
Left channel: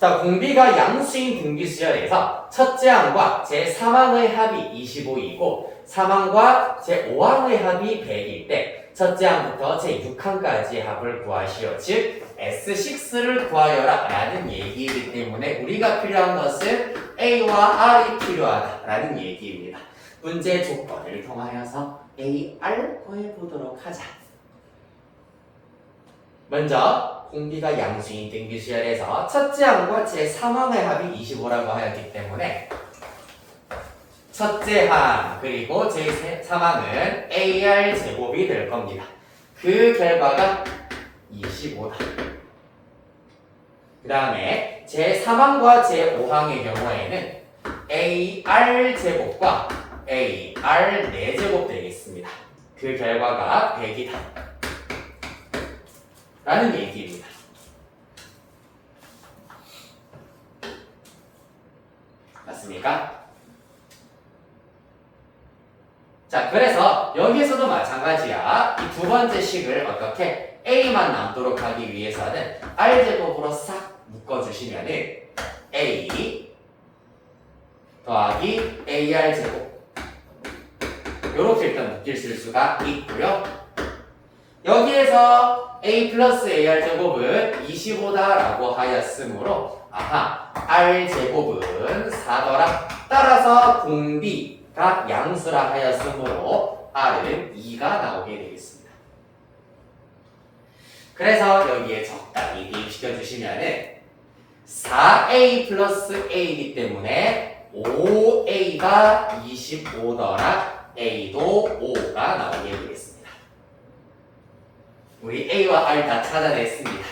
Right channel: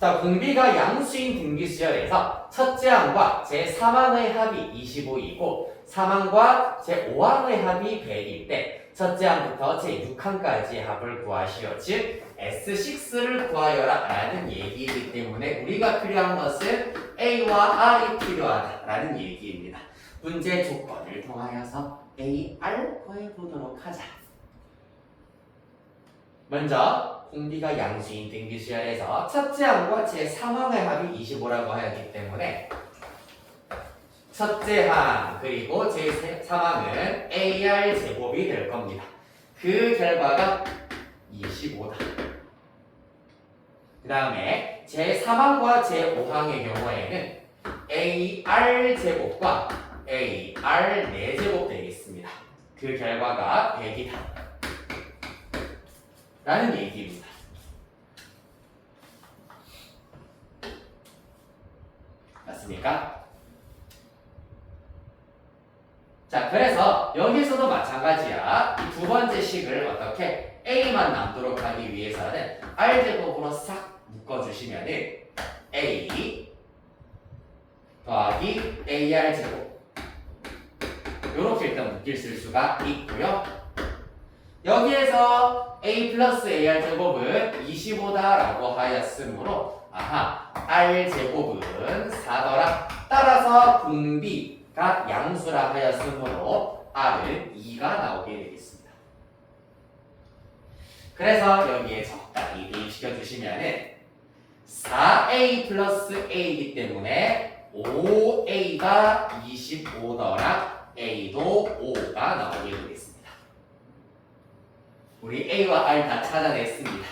자, 공비가 양수인 등비수열에서 첫째 항과 제3항의 합이 25이고 3항과 제5항의 합이 100일 때 첫째 항부터 제6항까지의 합을 구하시오. 즉 S6를 구하여라 라는 얘기이기 때문에 우리가 필요한 것은 A와 R이 필요하다 라는 얘기입니다. 문제 조건을 통하여서 A, R 구해보도록 하자. 먼저 공비가 양수인 등비수열에서 첫째 항과 제3항의 합이 25라고 하였기 때문에 첫째 항 그리고 제3항은 AR 제곱이 될 겁니다. 그 결과가 25다. 그 다음에 제3항과 제5항의 경우에는 AR 제곱과 AR 4제곱 되겠습니다. 그 결과가 100이다. 라는 얘기입니다. 맞습니까? 자, 그래서 여기서도 마찬가지야. 이 두 번째 식을 어떻게 A만 남도록 하기 위해서는 R제곱으로 싹 묶어주시면은 A 더하기 AR제곱 요렇게 일단 묶일 수가 있고요. 여기에서 A 플러스 AR제곱은 25다라고 하였으므로 아하 R제곱은 4더라. 따라서 공비가 양수라 하였으므로 R은 2가 나오게 되겠습니다. 그래서 여기에 적당히 대입시켜 주시면은 4A 플러스 A이기 때문에 5A가 25더라 A도 5가 나오게 되겠습니다. 우리 A와 R 다 찾아냈습니다.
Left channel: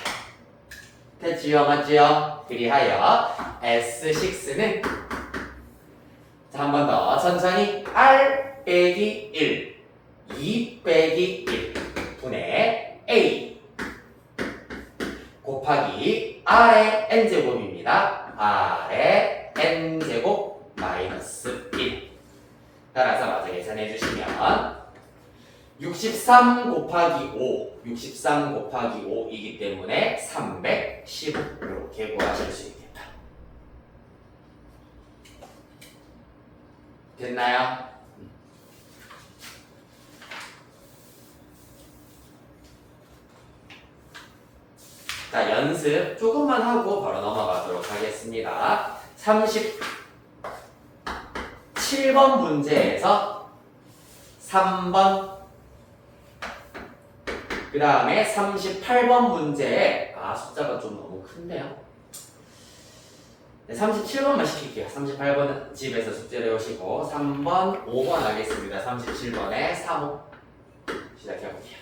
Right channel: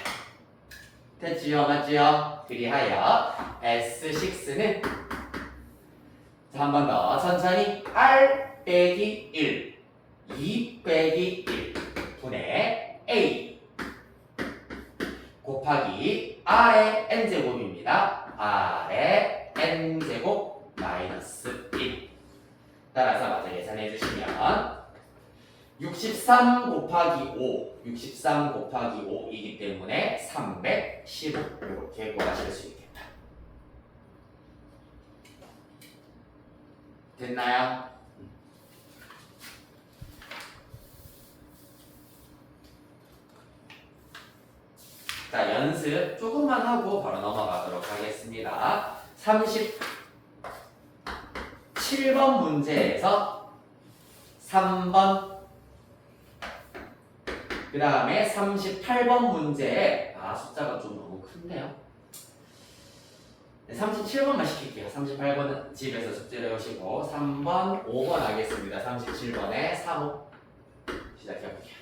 됐지요? 맞지요? 그리하여 S6는 자, 한 번 더 천천히 R 빼기 1 2 빼기 1 분의 A 곱하기 R의 n제곱입니다. R의 n제곱 마이너스 1. 따라서 마저 계산해 주시면 63 곱하기 5, 63 곱하기 5이기 때문에 315 이렇게 구하실 수 있겠다. 됐나요? 자, 연습 조금만 하고 바로 넘어가도록 하겠습니다. 37번 문제에서 3번, 그 다음에 38번 문제에 숫자가 좀 너무 큰데요. 네, 37번만 시킬게요. 38번은 집에서 숙제를 해오시고 3번, 5번 하겠습니다. 37번에 3호 시작해볼게요.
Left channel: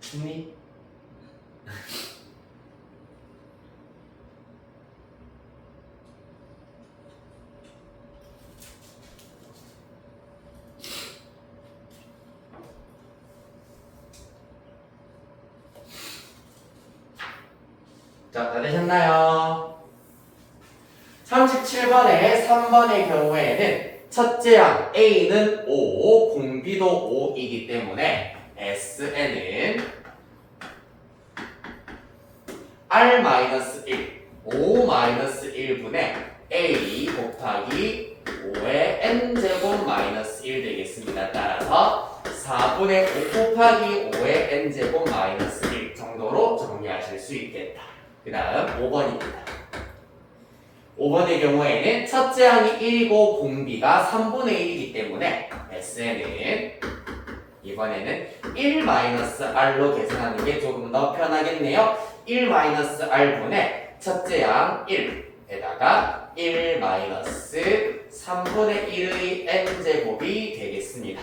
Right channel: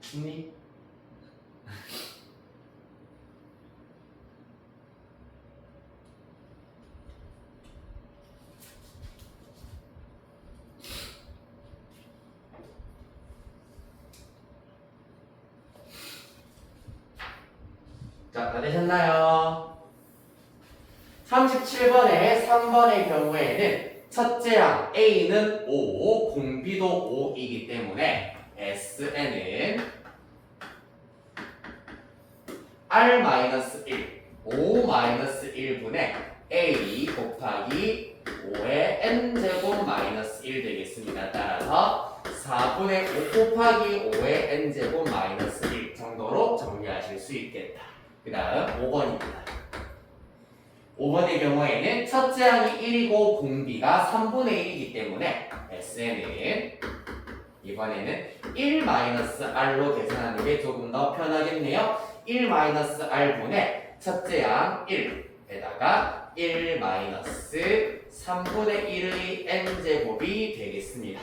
춥니? 자, 다 되셨나요? 37번에 3번의 경우에는 첫째 항 A는 5, 공비도 5이기 때문에 SN은 R-1, 5-1분의 A 곱하기 5의 n제곱 마이너스 1 되겠습니다. 따라서 4분의 5 곱하기 5의 n제곱 마이너스 1 정도로 정리하실 수 있겠다. 그 다음 5번입니다. 5번의 경우에는 첫째 항이 1이고 공비가 3분의 1이기 때문에 SN은 이번에는 1-R로 계산하는 게 조금 더 편하겠네요. 1-R분의 첫째 항 1에다가 1-3분의 1의 n제곱이 되겠습니다.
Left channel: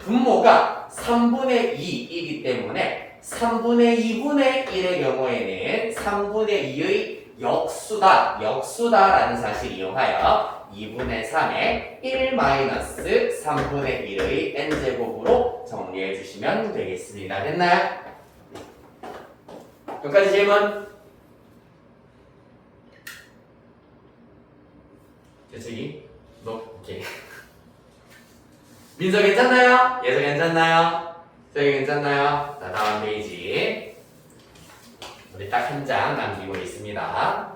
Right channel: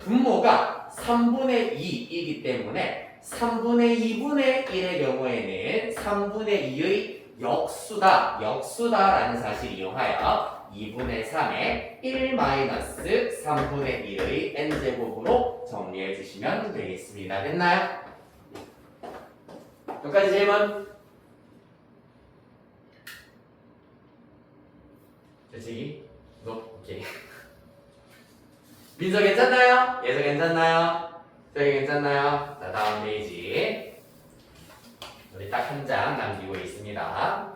분모가 3분의 2이기 때문에 3분의 2분의 1의 경우에는 3분의 2의 역수다라는 사실을 이용하여 2분의 3에 1-3분의 1의 n제곱으로 정리해 주시면 되겠습니다. 됐나요? 여기까지 질문? 재채기? 오케이. 민서 괜찮나요? 예서 괜찮나요? 저희 괜찮나요? 자, 다음 페이지. 우리 딱 한 장 남기고 있습니다.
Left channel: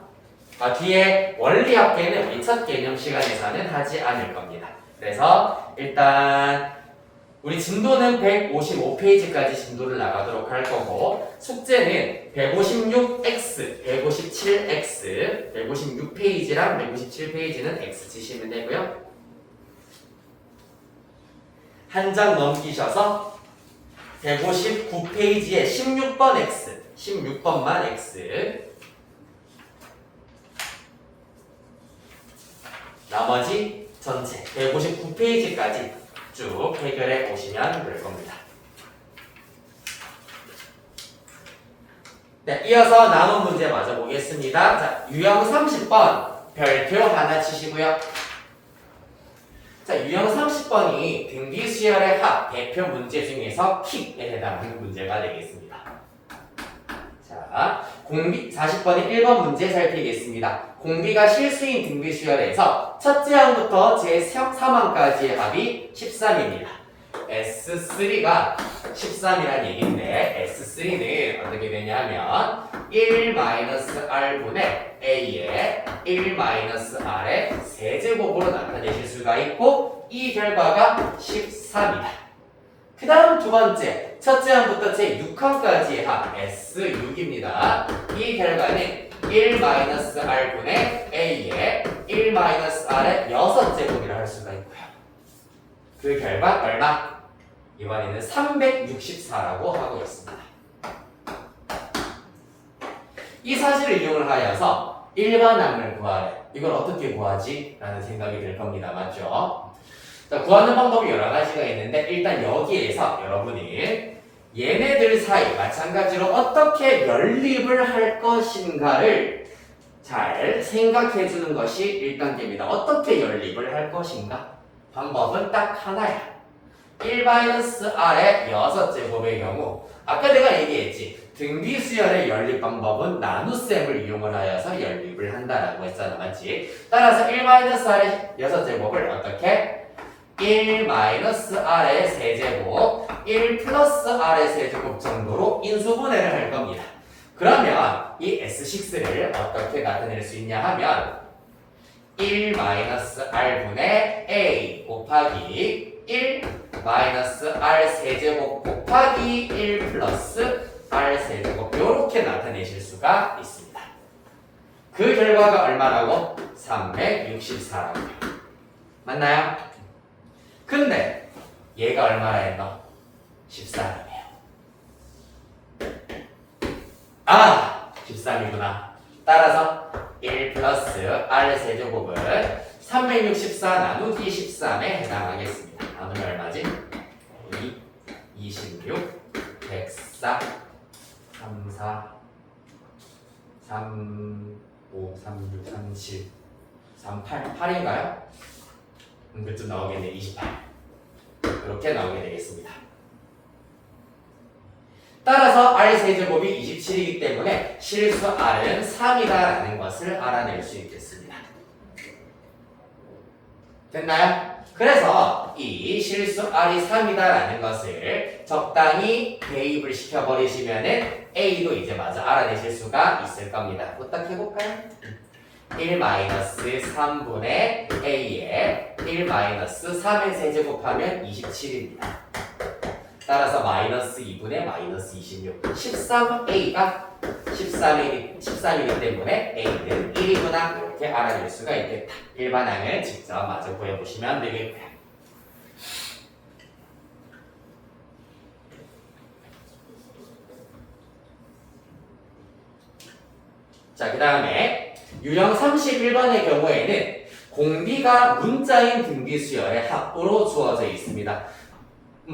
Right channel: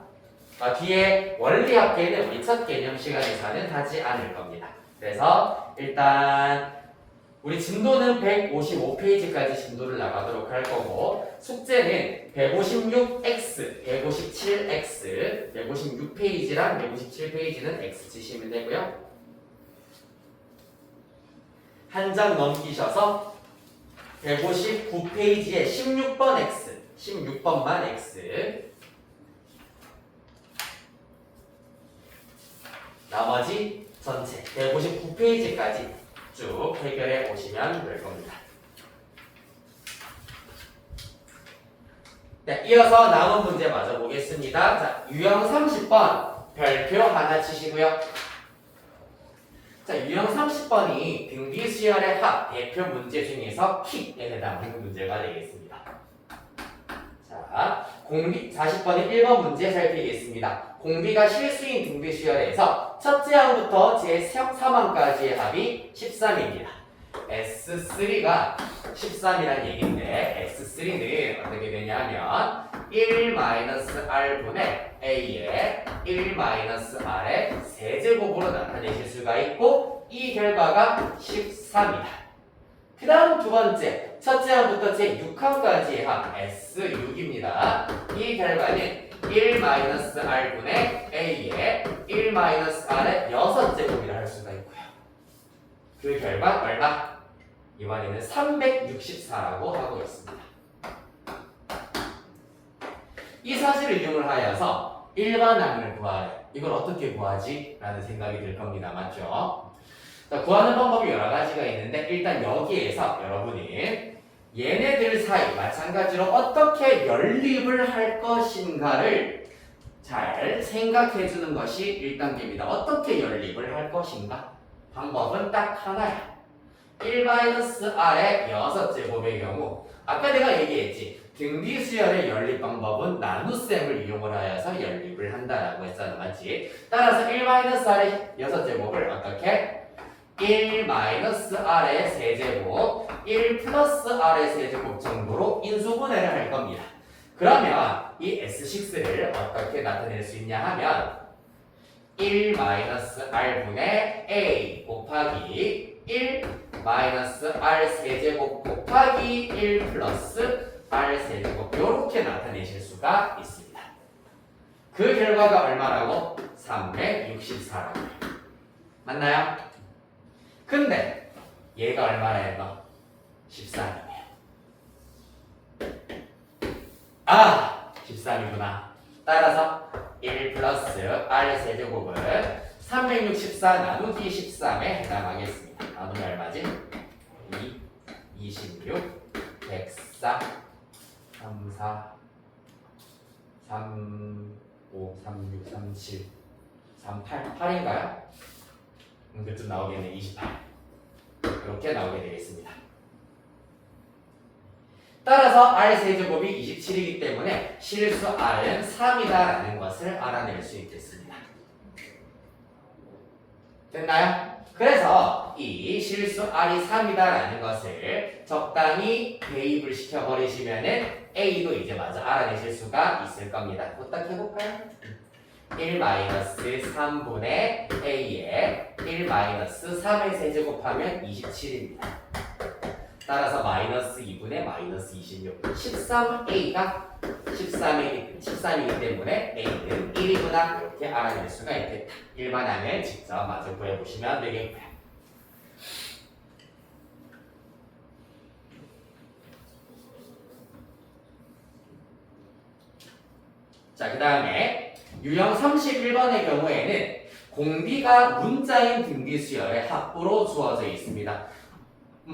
뒤에 원리합계는 우리 첫 개념 시간에서는 하지 않을 겁니다. 그래서 일단 우리 진도는 155페이지까지 진도를 나가도록 할 거고 숙제는 156X, 157X, 156페이지랑 157페이지는 X 치시면 되고요. 한 장 넘기셔서 159페이지에 16번 X, 16번만 X 나머지 전체 159페이지까지 쭉 해결해 보시면 될 겁니다. 네, 이어서 남은 문제 맞아 보겠습니다. 자, 유형 30번 별표 하나 치시고요. 자, 유형 30번이 등비 수열의 합 대표 문제 중에서 킥에 해당하는 문제가 되겠습니다. 자, 공비 40번의 1번 문제 살피겠습니다. 공비가 실수인 등비 수열에서 첫째 항부터 제3항까지의 합이 13입니다. S3가 13이라는 얘기인데 S3는 어떻게 되냐면 1-R분의 A의 1-R의 세제곱으로 나타내실 수가 있고 이 결과가 13이다. 그 다음 두 번째 첫째 항부터 제6항까지의 합 S6입니다. 이 결과는 1-R분의 A의 1-R의 6제곱이라 할 수가 있고요. 그 결과 얼마? 이번에는 364라고 하고 있습니다. 이 사실을 이용을 하여서 일반항을 구하래. 이걸 어떻게 구하지? 라는 생각이 들 겁니다. 맞죠? 자, 구하는 방법이 여러 가지가 있는데 일단 여기에서 여러분이 얘네들 사이 마찬가지로 어떻게 연립을 할 것인가를 잘 생각해 주는 것이 1단계입니다. 어떻게 연립을 할 것인가? 방법은 딱 하나야. 1-R의 6제곱의 경우 아까 내가 얘기했지. 등비 수열의 연립 방법은 나눗셈을 이용을 하여서 연립을 한다라고 했잖아. 맞지? 따라서 1-R의 6제곱을 어떻게? 1-R의 세제곱 1+R의 세제곱 정도로 인수분해를 할 겁니다. 그러면 이 S6를 어떻게 나타낼 수 있냐 하면 1-R분의 A 곱하기 1-R 세제곱 곱하기 1+R 세제곱 이렇게 나타내실 수가 있습니다. 그 결과가 얼마라고? 364라고요. 맞나요? 근데 얘가 얼마나 했노? 13이네요. 아! 13이구나. 따라서 1+R 세제곱은 364 나누기 13에 해당하겠습니다. 나누면 얼마지? 2, 26, 104, 34, 35, 36, 37, 38, 8인가요? 그쯤 나오겠네. 28. 이렇게 나오게 되겠습니다. 따라서 R 세제곱이 27이기 때문에 실수 R은 3이다라는 것을 알아낼 수 있겠습니다. 됐나요? 그래서 이 실수 R이 3이다라는 것을 적당히 대입을 시켜버리시면은 A도 이제 마저 알아내실 수가 있을 겁니다. 부탁 해볼까요? 1-3분의 A에 1-3의 세제곱하면 27입니다. 따라서 -2분의 -26 13A가 13이기 때문에 A는 1이구나 이렇게 알아낼 수가 있겠다. 일반항을 직접 마저 구해보시면 되겠고요. 자, 그 다음에 유형 31번의 경우에는 공비가 문자인 등비수열의 합으로 주어져 있습니다.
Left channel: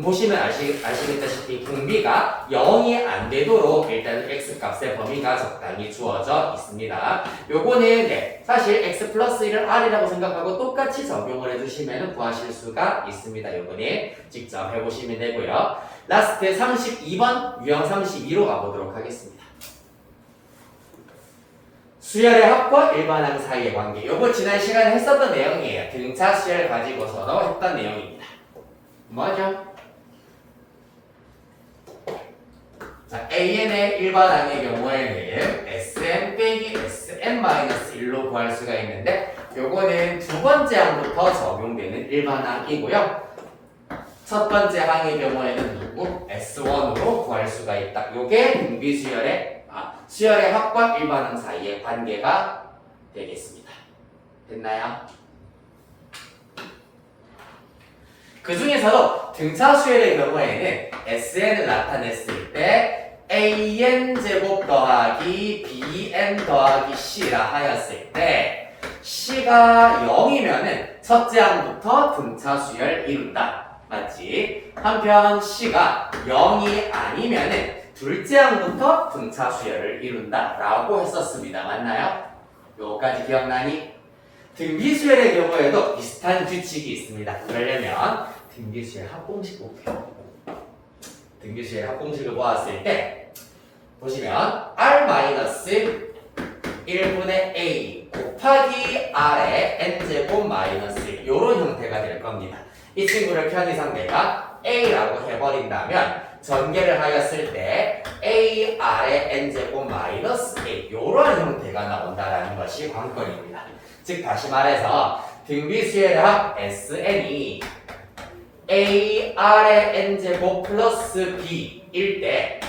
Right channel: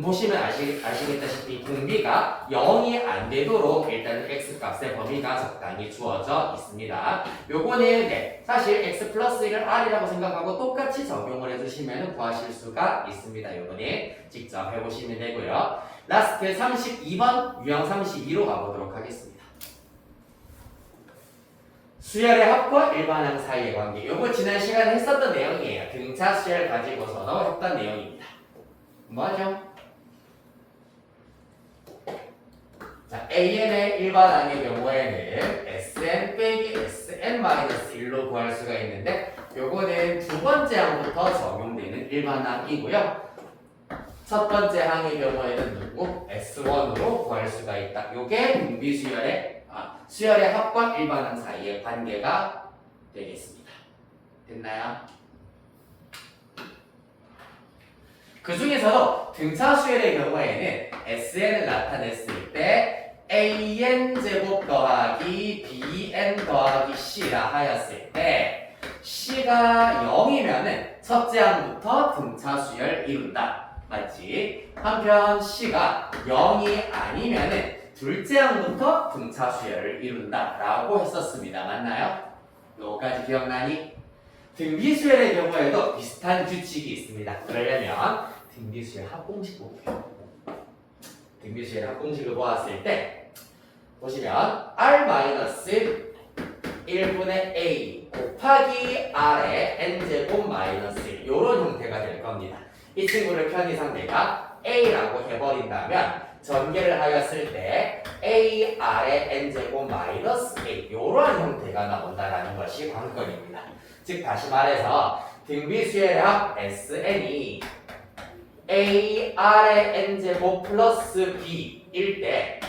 보시면 아시겠다시피 공비가 0이 안 되도록 일단은 x값의 범위가 적당히 주어져 있습니다. 요거는 사실 x 플러스 1을 r이라고 생각하고 똑같이 적용을 해주시면 구하실 수가 있습니다. 요거는 직접 해보시면 되고요. 라스트 32번 유형 32로 가보도록 하겠습니다. 수열의 합과 일반항 사이의 관계. 요거 지난 시간에 했었던 내용이에요. 등차 수열 가지고서도 했던 내용입니다. 뭐죠? 자, AN의 일반항의 경우에는 SM 빼기 SM-1로 구할 수가 있는데 요거는 두 번째 항부터 적용되는 일반항이고요. 첫 번째 항의 경우에는 누구? S1으로 구할 수가 있다. 요게 수열의 합과 일반항 사이의 관계가 되겠습니다. 됐나요? 그 중에서도 등차 수열의 경우에는 SN을 나타냈을 때 AN 제곱 더하기 BN 더하기 C라 하였을 때 C가 0이면은 첫째 항부터 등차 수열 이룬다. 맞지? 한편 C가 0이 아니면은 둘째 항부터 등차 수열을 이룬다. 라고 했었습니다. 맞나요? 요까지 기억나니? 등비수열의 경우에도 비슷한 규칙이 있습니다. 그러려면 등비수열 합공식 볼게요. 등비수열 합공식을 보았을 때 보시면 R-1분의 A 곱하기 R의 N제곱 마이너스 1 요런 형태가 될 겁니다. 이 친구를 편의상대가 A라고 해버린다면 전개를 하였을 때 A, R의 N제곱 마이너스 A 요런 형태가 나온다는 것이 관건입니다. 즉 다시 말해서 등비수열의 합 SN이 A, R의 N제곱 플러스 B일 때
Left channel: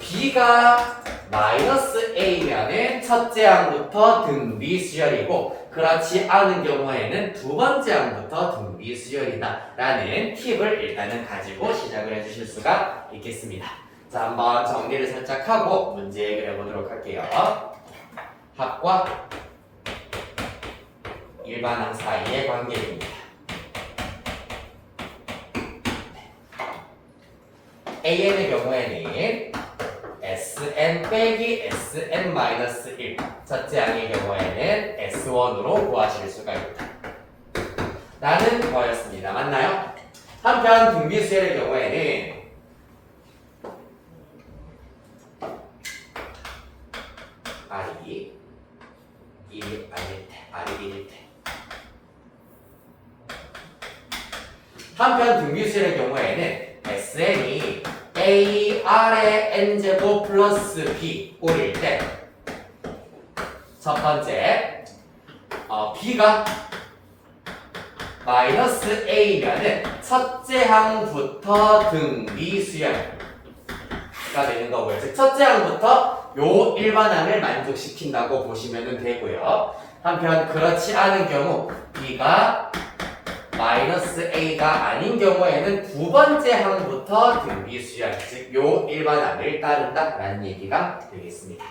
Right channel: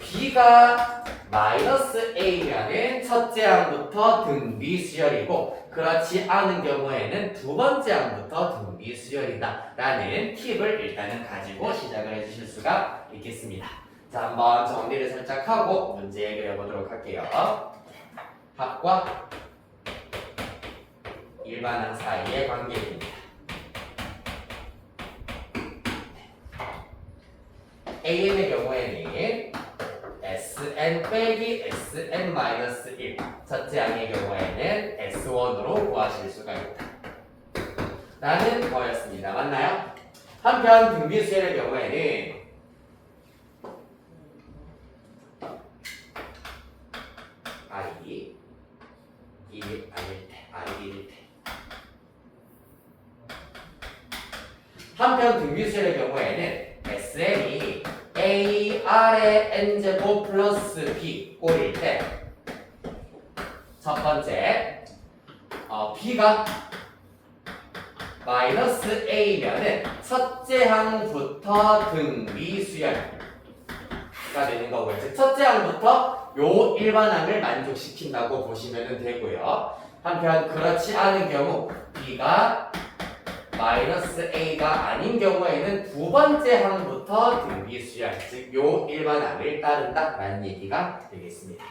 B가 마이너스 A면은 첫째 항부터 등비수열이고 그렇지 않은 경우에는 두 번째 항부터 등비수열이다 라는 팁을 일단은 가지고 시작을 해주실 수가 있겠습니다. 자, 한번 정리를 살짝 하고 문제 해결해 보도록 할게요. 합과 일반항 사이의 관계입니다. AN의 경우에는 Sn 빼기 Sn-1 첫째 항의 경우에는 S1으로 구하실 수가 있다 라는 거였습니다. 맞나요? 한편 등비수열의 경우에는 R이 1이 아닐 때, R이 1일 때 한편 등비수열의 경우에는 Sn이 A, R의 N제곱 플러스 B 꼴일 때 첫 번째 B가 마이너스 A면은 첫째 항부터 등비수열가 되는 거고요. 즉 첫째 항부터 요 일반항을 만족시킨다고 보시면 되고요. 한편 그렇지 않은 경우 B가 마이너스 A가 아닌 경우에는 두 번째 항부터 등비수열, 즉 요 일반항을 따른다 라는 얘기가 되겠습니다.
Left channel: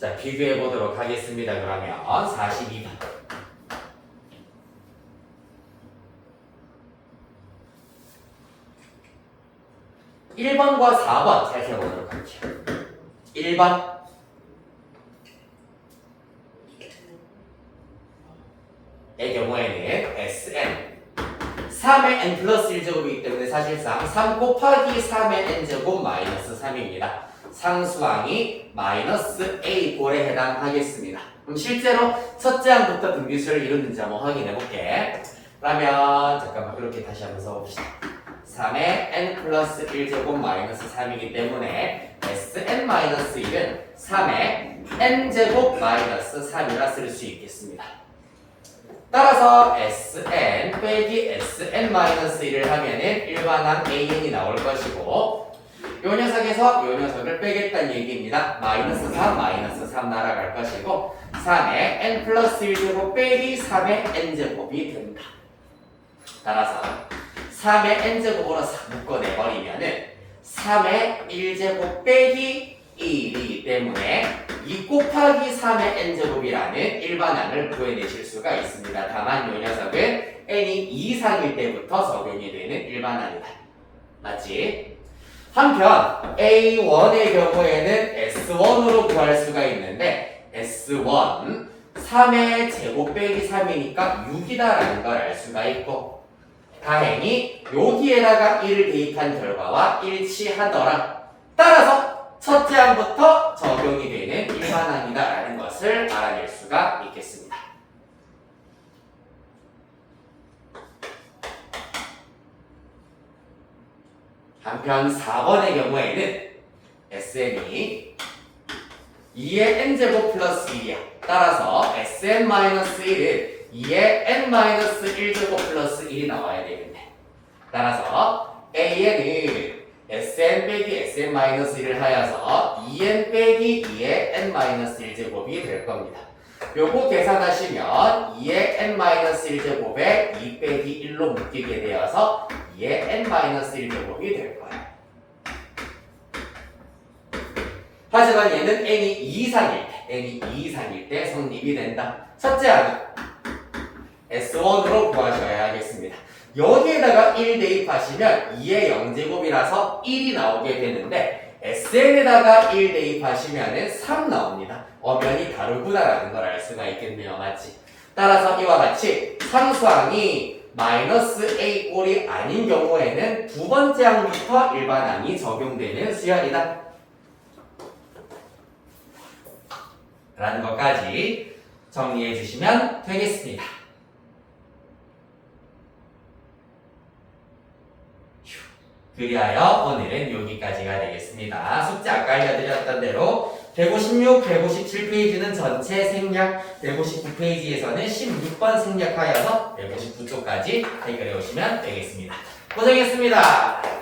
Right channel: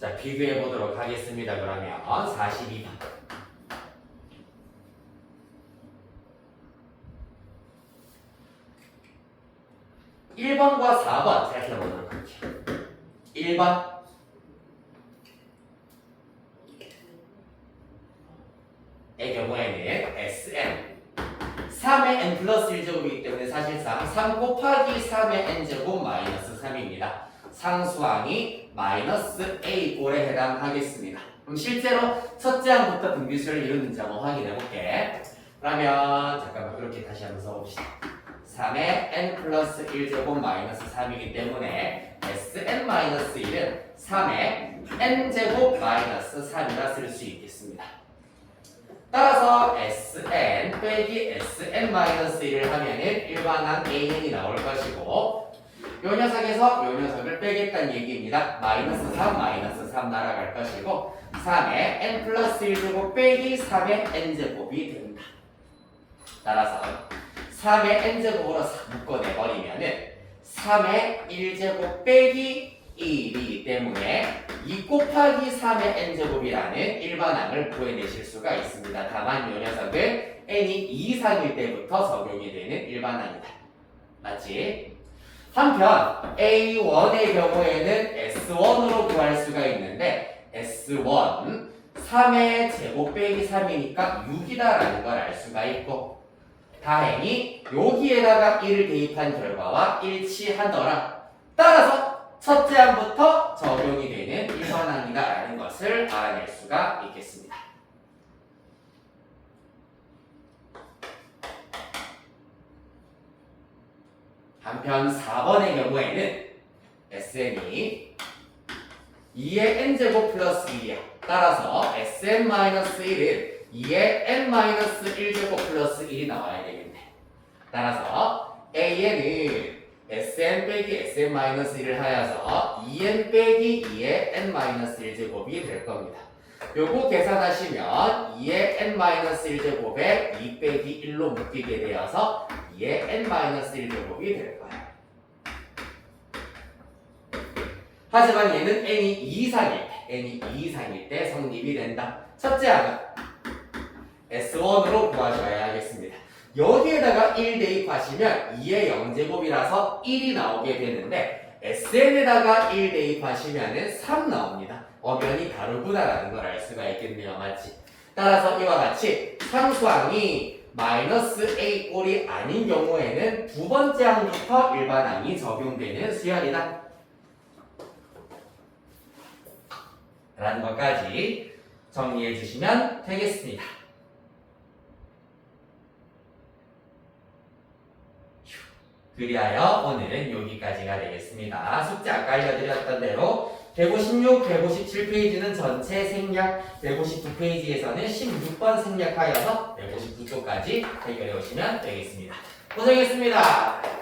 자, 비교해 보도록 하겠습니다. 그러면 42번. 1번과 4번 살펴보도록 할게요. 1번 의 경우에는 Sn 3의 n 플러스 1제곱이기 때문에 사실상 3 곱하기 3의 n제곱 마이너스 3입니다. 상수항이 마이너스 A 꼴에 해당하겠습니다. 그럼 실제로 첫째 항부터 등비수열을 이루는지 한번 확인해 볼게. 그러면 잠깐만 그렇게 다시 한번 써봅시다. 3의 n 플러스 1제곱 마이너스 3이기 때문에 Sn-1은 3의 n제곱 마이너스 3이라 쓸 수 있겠습니다. 따라서 Sn 빼기 Sn-1을 하면은 일반항 AN이 나올 것이고 요 녀석에서 요 녀석을 빼겠다는 얘기입니다. 마이너스 3, 마이너스 3 날아갈 것이고 3의 n 플러스 1제곱 빼기 3의 n제곱이 됩니다. 따라서 3의 n제곱으로 묶어내버리면은 3의 1제곱 빼기 1이기 때문에 2 곱하기 3의 n제곱이라는 일반항을 구해내실 수가 있습니다. 다만 이 녀석은 n이 2 이상일 때부터 적용이 되는 일반항이다. 맞지? 한편 A1의 경우에는 S1으로 구할 수가 있는데 S1 3의 제곱 빼기 3이니까 6이다라는 걸 알 수가 있고 다행히 여기에다가 1을 대입한 결과와 일치하더라. 따라서 첫째 항부터 적용이 되는 일반항이다라는 것을 알아낼 수가 있겠습니다. 한편 4번의 경우에는 Sn이 2의 n제곱 플러스 2야. 따라서 Sn-1은 2의 n-1제곱 플러스 1이 나와야 되겠네. 따라서 AN은 Sn 빼기 Sn-1을 하여서 2n 빼기 2의 n-1제곱이 될 겁니다. 요거 계산하시면 2의 n-1제곱에 2 빼기 1로 묶이게 되어서 2의 n-1 제곱이 될 거야. 하지만 얘는 n이 2 이상일 때 성립이 된다. 첫째 항은 S1으로 구하셔야 하겠습니다. 여기에다가 1 대입하시면 2의 0제곱이라서 1이 나오게 되는데 SN에다가 1 대입하시면 3 나옵니다. 엄연히 다르구나라는 걸 알 수가 있겠네요. 맞지? 따라서 이와 같이 상수항이 마이너스 A 꼴이 아닌 경우에는 두 번째 항부터 일반항이 적용되는 수열이다. 라는 것까지 정리해 주시면 되겠습니다. 그리하여 오늘은 여기까지가 되겠습니다. 숙제 아까 알려드렸던 대로 156, 157페이지는 전체 생략, 159페이지에서는 16번 생략하여서 159쪽까지 해결해 오시면 되겠습니다. 고생했습니다.